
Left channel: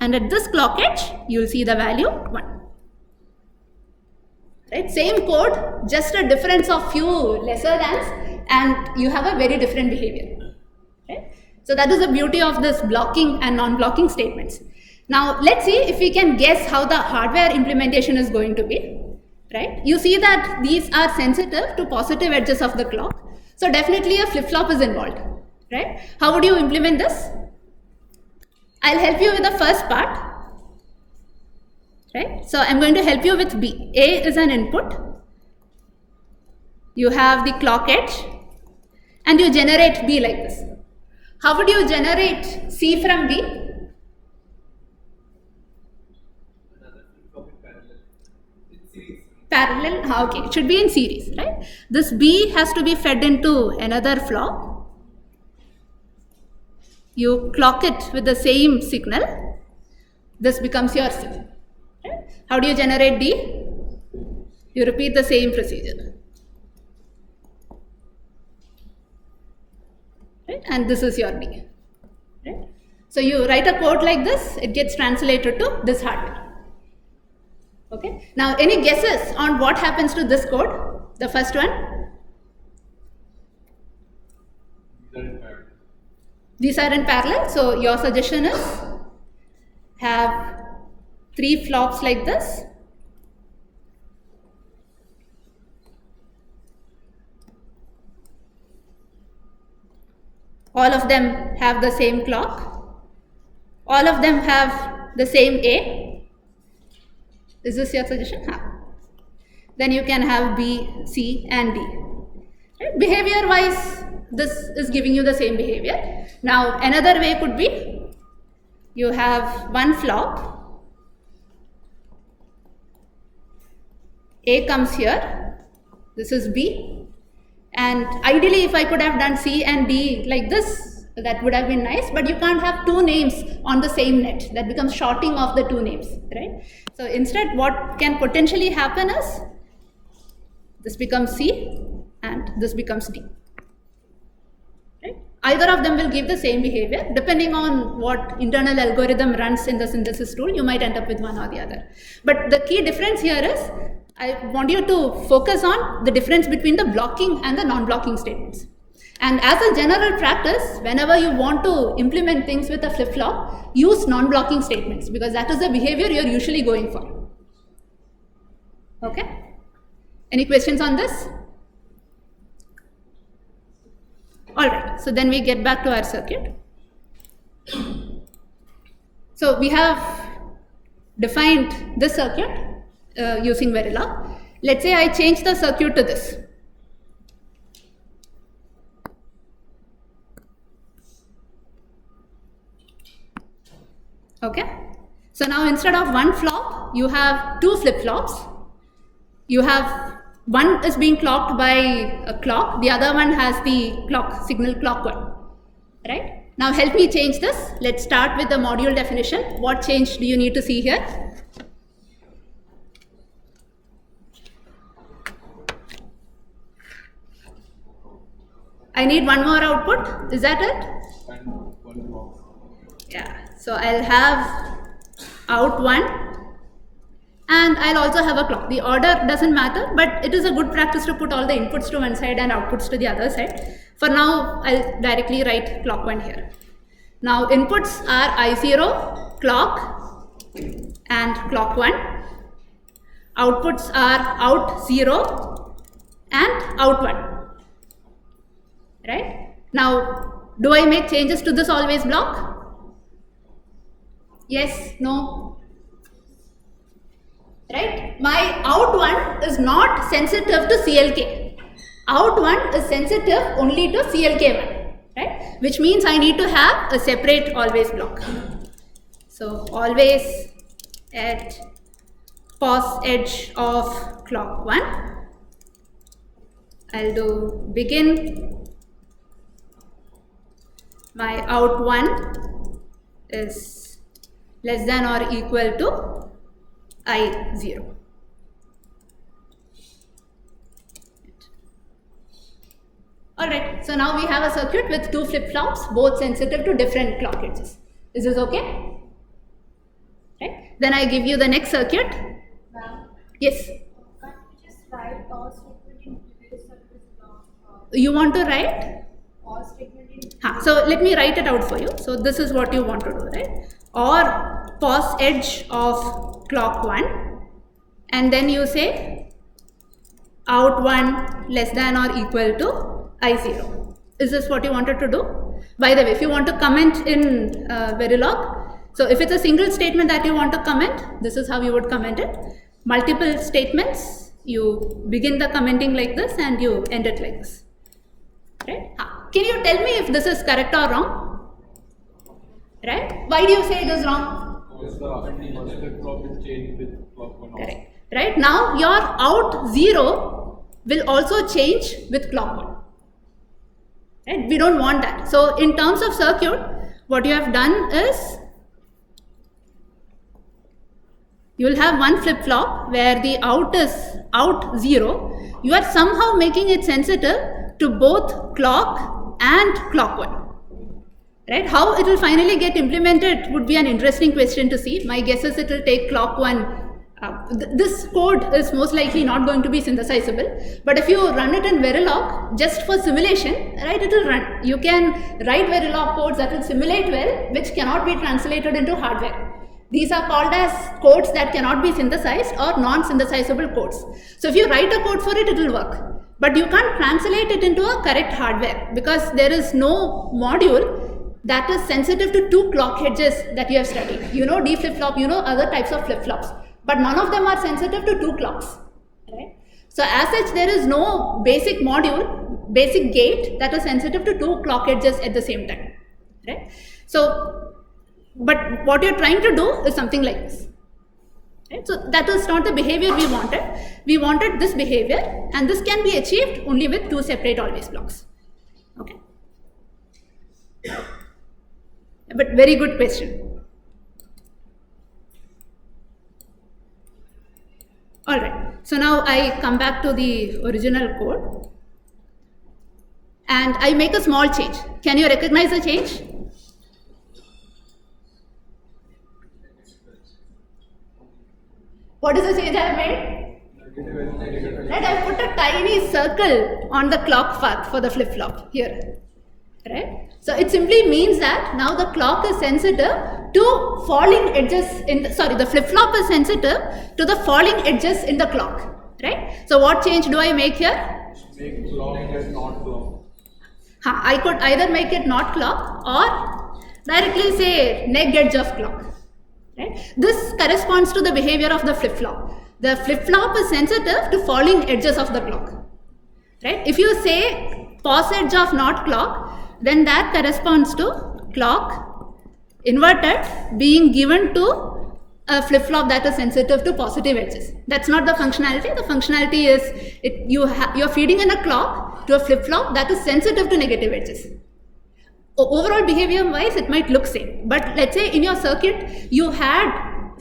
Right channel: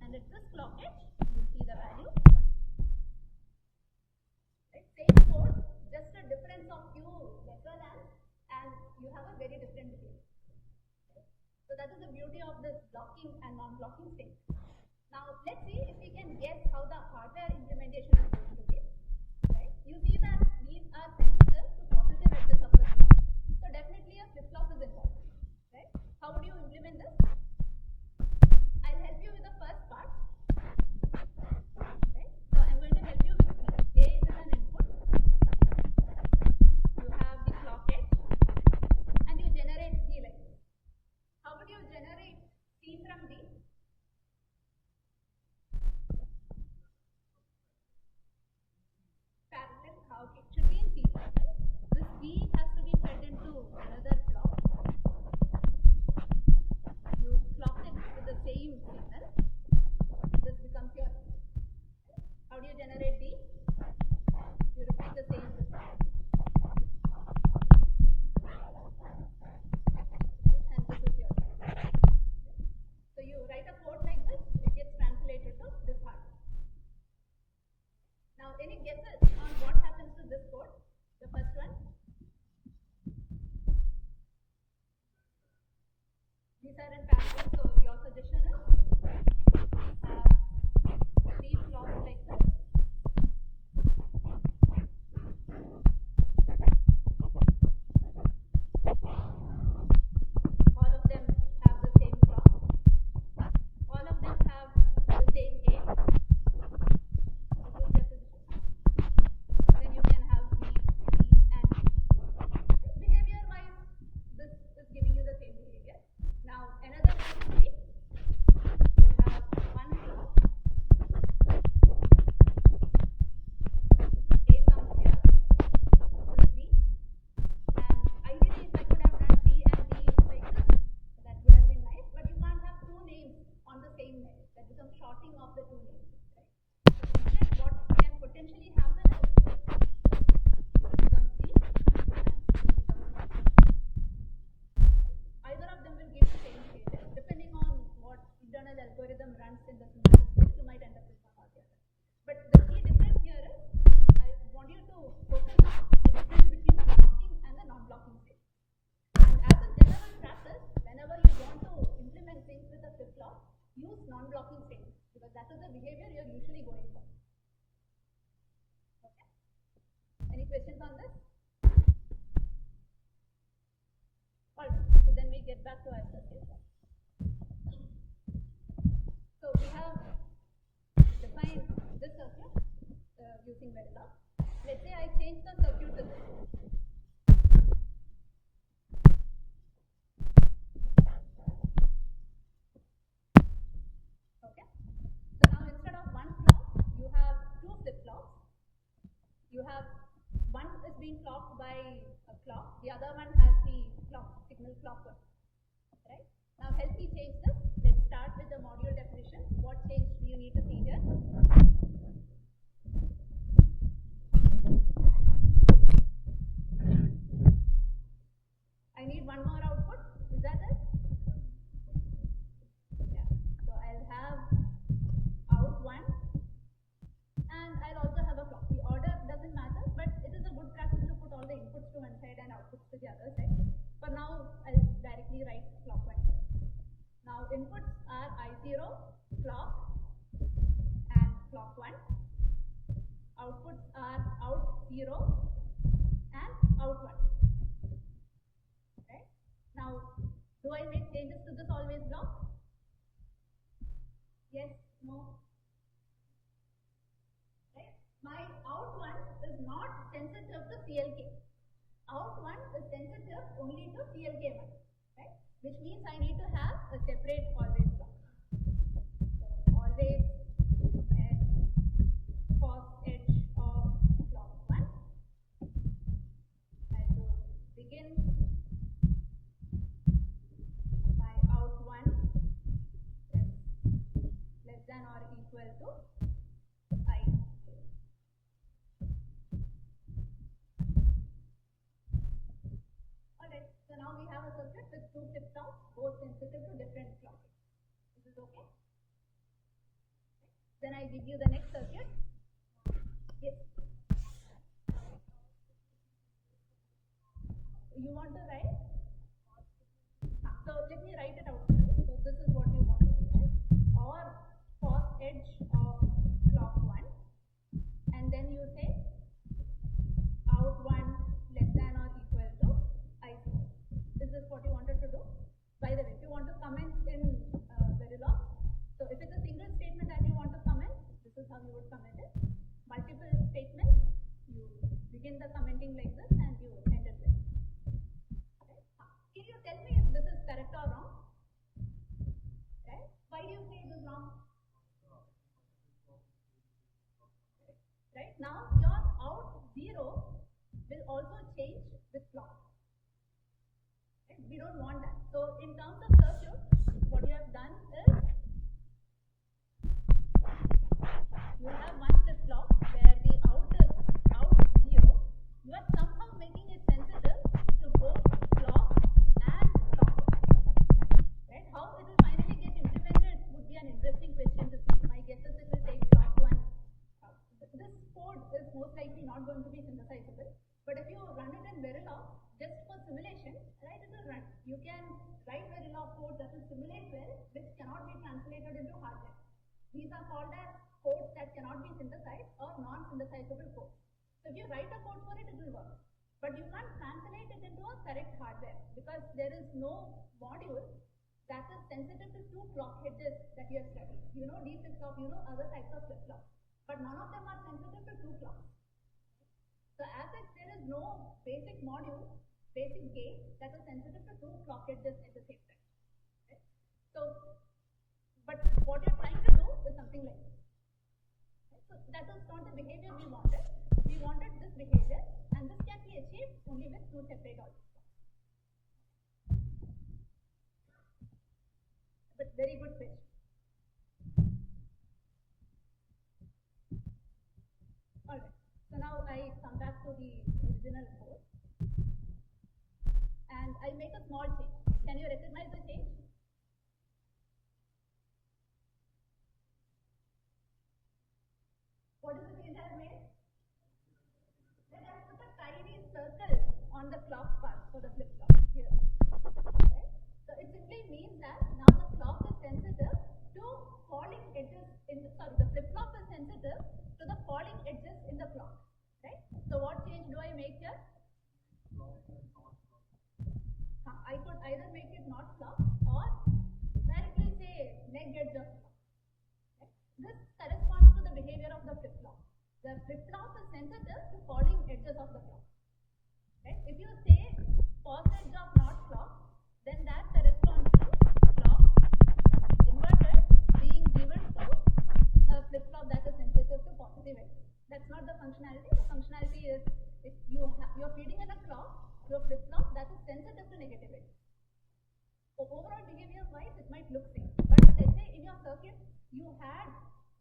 And at this clock edge, you will see the value 1. Right? Same code, just a difference of few lesser thans, and you have a very different behavior. Right? So that is the beauty of this blocking and non-blocking statements. Now let's see if we can guess how the hardware implementation is going to be. Right? You see that these are sensitive to positive edges of the clock. So definitely a flip-flop is involved. Right? How would you implement this? I'll help you with the first part. Right? So I'm going to help you with B. A is an input. You have the clock edge and you generate B like this. How would you generate C from B? Parallel, okay, it should be in series, right? This B has to be fed into another flop. You clock it with the same signal. This becomes your C. Right? How do you generate D? You repeat the same procedure. Right? And this is your D. Right? So you write a code like this, it gets translated to this hardware. Okay. Now, any guesses on what happens to this code? The first one? These are in parallel. So your suggestion is have 3 flops like this. All of them have the same clock. All of them have the same A. Is this your suggestion? Then you can have B, C and D. Right? Behavior wise, this is giving you the same behavior. Now another way could be, you have one flop, A comes here, this is B, and ideally if I could have done C and D like this, that would have been nice, but you can't have 2 names on the same net. That becomes shorting of the 2 names, right? So instead what can potentially happen is, this becomes C and this becomes D. Right? Either of them will give the same behavior. Depending on what internal algorithm runs in the synthesis tool, you might end up with one or the other. But the key difference here is, I want you to focus on the difference between the blocking and the non-blocking statements. And as a general practice, whenever you want to implement things with a flip-flop, use non-blocking statements, because that is the behavior you're usually going for. Okay? Any questions on this? Alright, so then we get back to our circuit. So we have defined this circuit using Verilog. Let's say I change the circuit to this. Okay, so now instead of one flop, you have 2 flip-flops. You have one is being clocked by a clock, the other one has the clock signal clock 1. Right? Now help me change this. Let's start with the module definition. What change do you need to see here? I need one more output. Is that it? Yeah. So I'll have out 1 and I'll also have a clock. The order doesn't matter, but it is a good practice to put all the inputs to one side and outputs to the other side. For now, I'll directly write clock 1 here. Now inputs are I0, clock and clock 1. Outputs are out 0 and out 1. Right? Now, do I make changes to this always block? Yes, no. Right? My out 1 is not sensitive to CLK. Out 1 is sensitive only to CLK1. Right? Which means I need to have a separate always block. So always at pos edge of clock 1. I'll do begin. My out 1 is less than or equal to I0. Alright, so now we have a circuit with 2 flip-flops, both sensitive to different clock edges. Is this okay? Right? Then I give you the next circuit. Yes? Can't you just write pause statement in previous service block? You want to write? Pause statement in So let me write it out for you. So this is what you want to do, right? Or pause edge of clock 1, and then you say out 1 less than or equal to I0. Is this what you wanted to do? By the way, if you want to comment in Verilog, so if it's a single statement that you want to comment, this is how you would comment it. Multiple statements, you begin the commenting like this and you end it like this. Right? Can you tell me if this is correct or wrong? Right? Why do you say it is wrong? Because the flip-flop is changed with clock 1 also. Correct. Right? Now your out 0 will also change with clock 1. Right? We don't want that. So in terms of circuit, what you have done is you will have one flip-flop where the out is out 0. You are somehow making it sensitive to both clock and clock 1. Right? How it will finally get implemented would be an interesting question to see. My guess is it will take clock 1. This code is most likely not going to be synthesizable, but if you run it in Verilog just for simulation, right, it will run. You can write Verilog codes that will simulate well, which cannot be translated into hardware. These are called as codes that cannot be synthesized or non-synthesizable codes. So if you write a code for it, it will work. But you can't translate it into a correct hardware because there is no module that is sensitive to 2 clock edges that you have studied. You know D flip-flop, you know other types of flip-flops, but none of them are sensitive to 2 clocks. Right? So as such, there is no basic module, basic gate that is sensitive to 2 clock edges at the same time. Right? So, but what you're trying to do is something like this. Right? So that is not the behavior we wanted. We wanted this behavior, and this can be achieved only with 2 separate always blocks. Okay. But very good question. Alright, so now I come back to the original code and I make a small change. Can you recognize the change? What is the change I have made? Right, I put a tiny circle on the clock path for the flip-flop here. Right? So it simply means that now the clock is sensitive to falling edges in the, the flip-flop is sensitive to the falling edges in the clock. Right? So what change do I make here? Make clock as not clock. I could either make it not clock or directly say neg edge of clock. Right? This corresponds to the behavior of the flip-flop. The flip-flop is sensitive to falling edges of the clock. Right? If you say pause edge of not clock, then that corresponds to clock inverted being given to a flip-flop that is sensitive to positive edges. That's not the functionality. The functionality is you're feeding in a clock to a flip-flop that is sensitive to negative edges. Overall behavior wise, it might look same. But let's say in your circuit, you had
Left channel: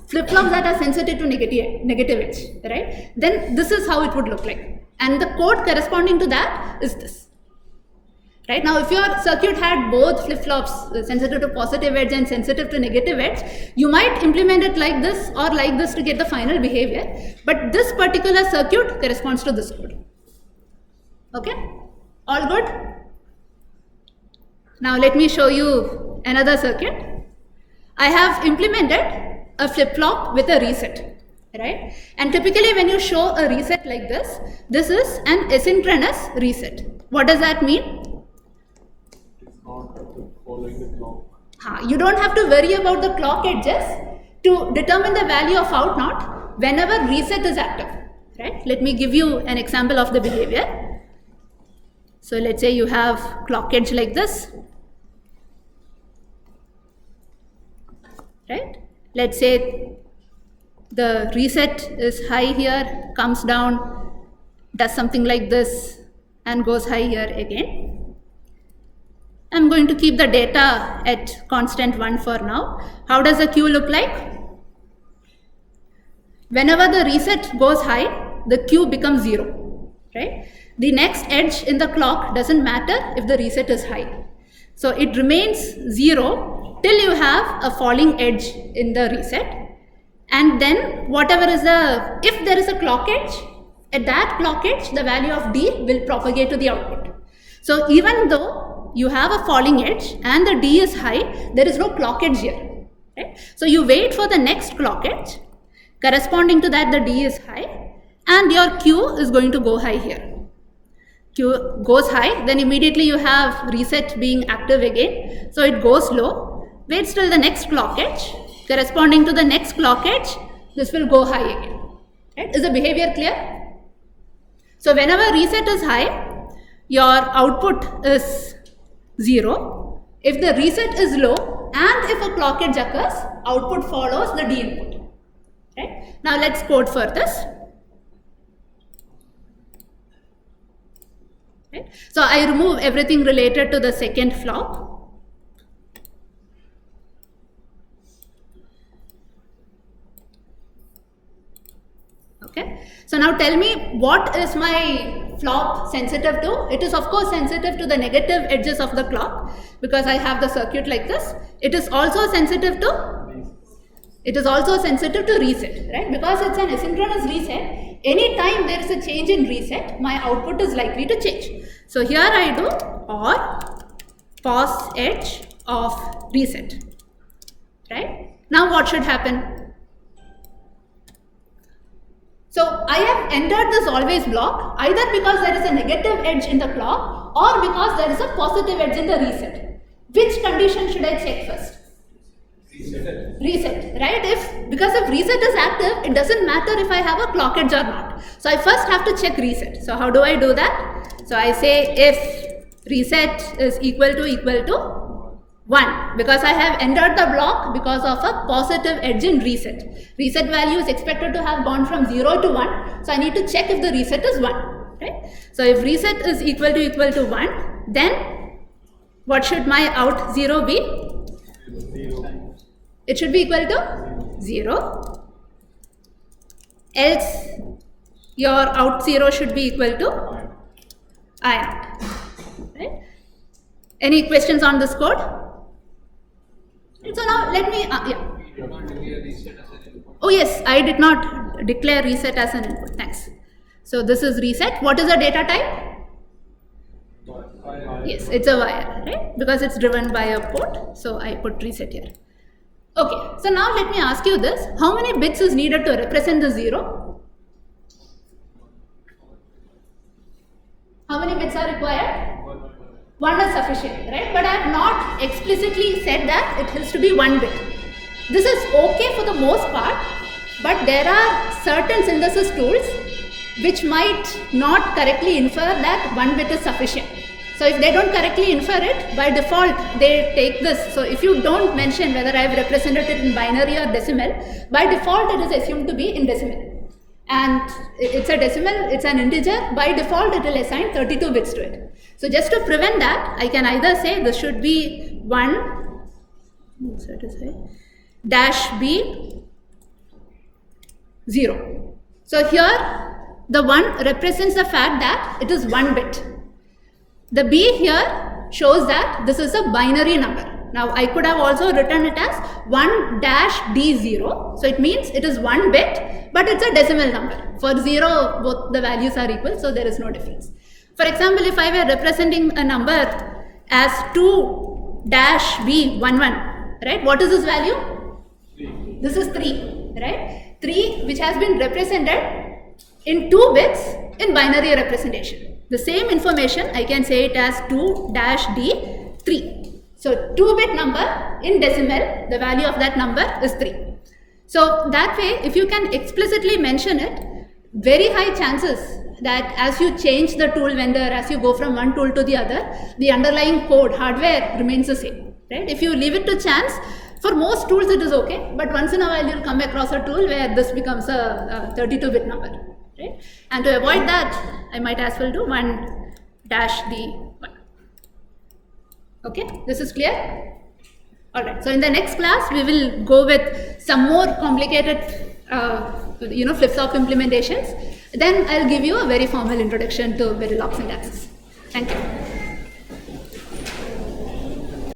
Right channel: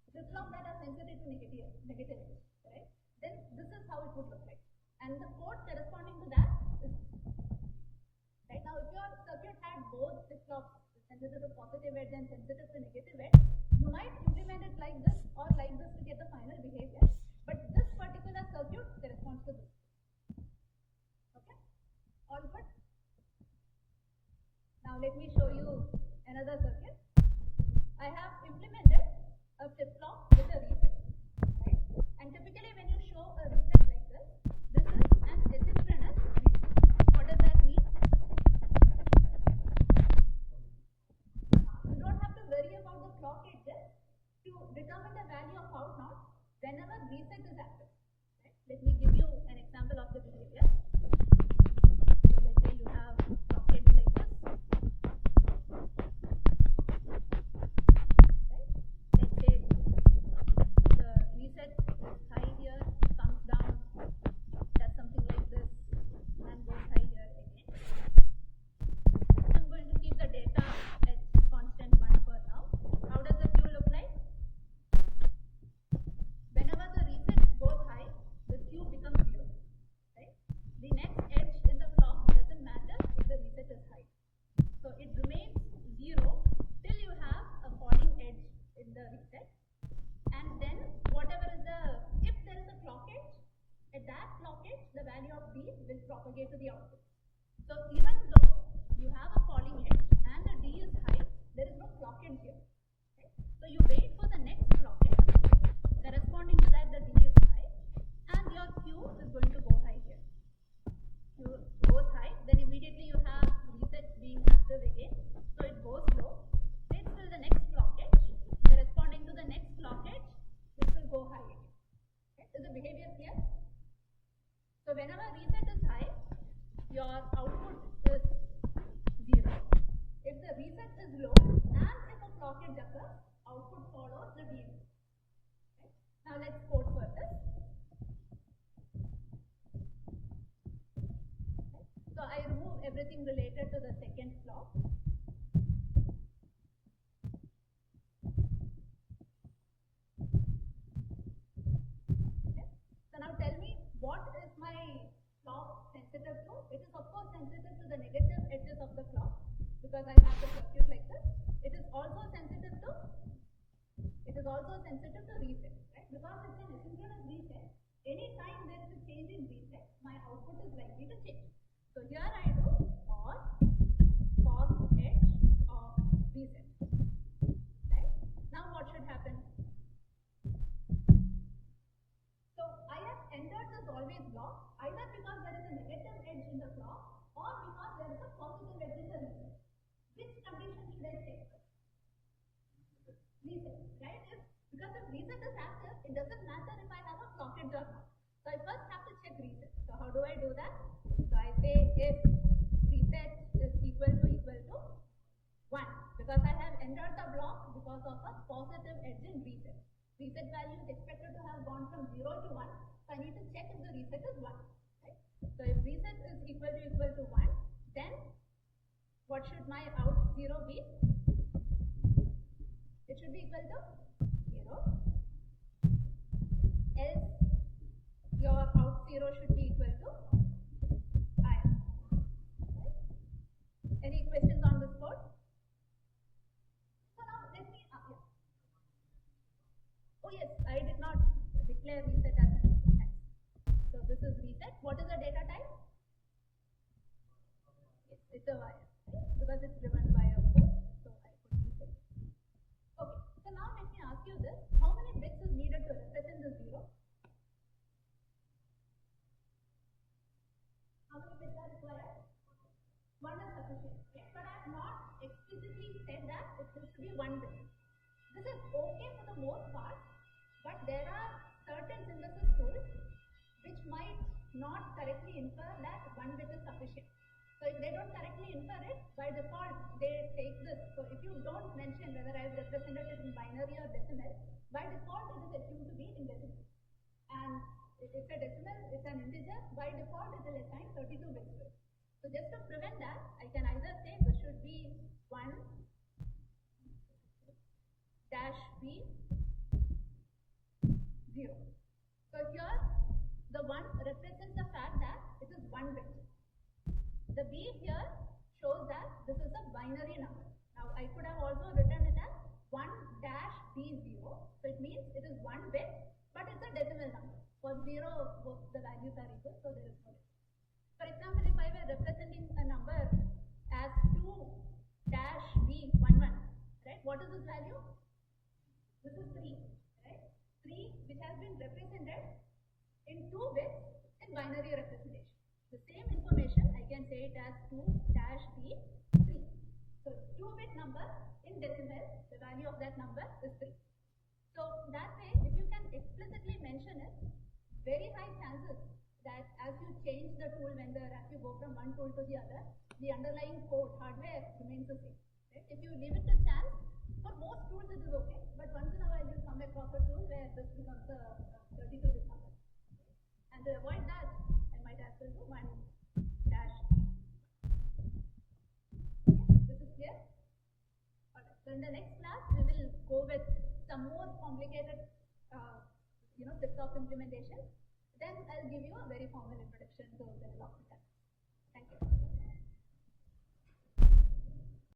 flip-flops that are sensitive to negative edge, right? Then this is how it would look like. And the code corresponding to that is this. Right now, if your circuit had both flip-flops sensitive to positive edge and sensitive to negative edge, you might implement it like this or like this to get the final behavior. But this particular circuit corresponds to this code. Okay? All good? Now let me show you another circuit. I have implemented a flip-flop with a reset. Right? And typically when you show a reset like this is an asynchronous reset. What does that mean? You don't have to worry about the clock edges to determine the value of out not whenever reset is active. Right? Let me give you an example of the behavior. So let's say you have clock edge like this. Right? Let's say the reset is high here, comes down, does something like this, and goes high here again. I'm going to keep the data at constant 1 for now. How does the Q look like? Whenever the reset goes high, the Q becomes 0, right? The next edge in the clock doesn't matter if the reset is high. So it remains 0 till you have a falling edge in the reset. And then whatever is if there is a clock edge, at that clock edge, the value of D will propagate to the output. So even though you have a falling edge and the D is high, there is no clock edge here, right? So you wait for the next clock edge, corresponding to that the D is high, and your Q is going to go high here. Q goes high, then immediately you have reset being active again, so it goes low, waits till the next clock edge, corresponding to the next clock edge, this will go high again, right? Is the behavior clear? So whenever reset is high, your output is 0. If the reset is low and if a clock edge occurs, output follows the D input, right? Now let's code for this. Right? So I remove everything related to the second flop. Okay. So now tell me, what is my flop sensitive to? It is of course sensitive to the negative edges of the clock because I have the circuit like this. It is also sensitive to reset, right? Because it's an asynchronous reset, anytime there is a change in reset, my output is likely to change. So here I do or pause edge of reset, right? Now what should happen? So I have entered this always block either because there is a negative edge in the clock or because there is a positive edge in the reset. Which condition should I check first? Reset, right? Because if reset is active, it doesn't matter if I have a clock edge or not. So I first have to check reset. So how do I do that? So I say if reset is equal to 1, because I have entered the block because of a positive edge in reset. Reset value is expected to have gone from 0 to 1, so I need to check if the reset is 1, right? So if reset is equal to 1, then what should my out 0 be? It should be equal to 0, else your out 0 should be equal to I out, right? Any questions on this code? So now let me, Oh yes, I did not declare reset as an input, thanks. So this is reset. What is the data type? Yes, it's a wire, right? Because it's driven by a port, so I put reset here. Okay, so now let me ask you this. How many bits is needed to represent the 0? How many bits are required? 1 is sufficient, right? But I have not explicitly said that it has to be 1 bit. This is okay for the most part, but there are certain synthesis tools which might not correctly infer that 1 bit is sufficient. So if they don't correctly infer it, by default they take this. So if you don't mention whether I have represented it in binary or decimal, by default it is assumed to be in decimal. And it's a decimal, it's an integer, by default it will assign 32 bits to it. So just to prevent that, I can either say this should be 1 dash b 0. So here the 1 represents the fact that it is 1 bit. The b here shows that this is a binary number. Now I could have also written it as 1 dash d0. So it means it is 1 bit, but it's a decimal number. For 0, both the values are equal, so there is no difference. For example, if I were representing a number as 2 dash b11, right? What is this value? 3. This is 3, right? 3 which has been represented in 2 bits in binary representation. The same information I can say it as 2 dash d3. So 2-bit number in decimal, the value of that number is 3. So that way, if you can explicitly mention it, very high chances that as you change the tool vendor, as you go from one tool to the other, the underlying code, hardware remains the same, right? If you leave it to chance, for most tools it is okay, but once in a while you'll come across a tool where this becomes a 32-bit number, right? And to avoid that, I might as well do 1 dash D1. Okay, this is clear? Alright, so in the next class, we will go with some more complicated flip-flop implementations. Then I'll give you a very formal introduction to Verilog syntaxes. Thank you.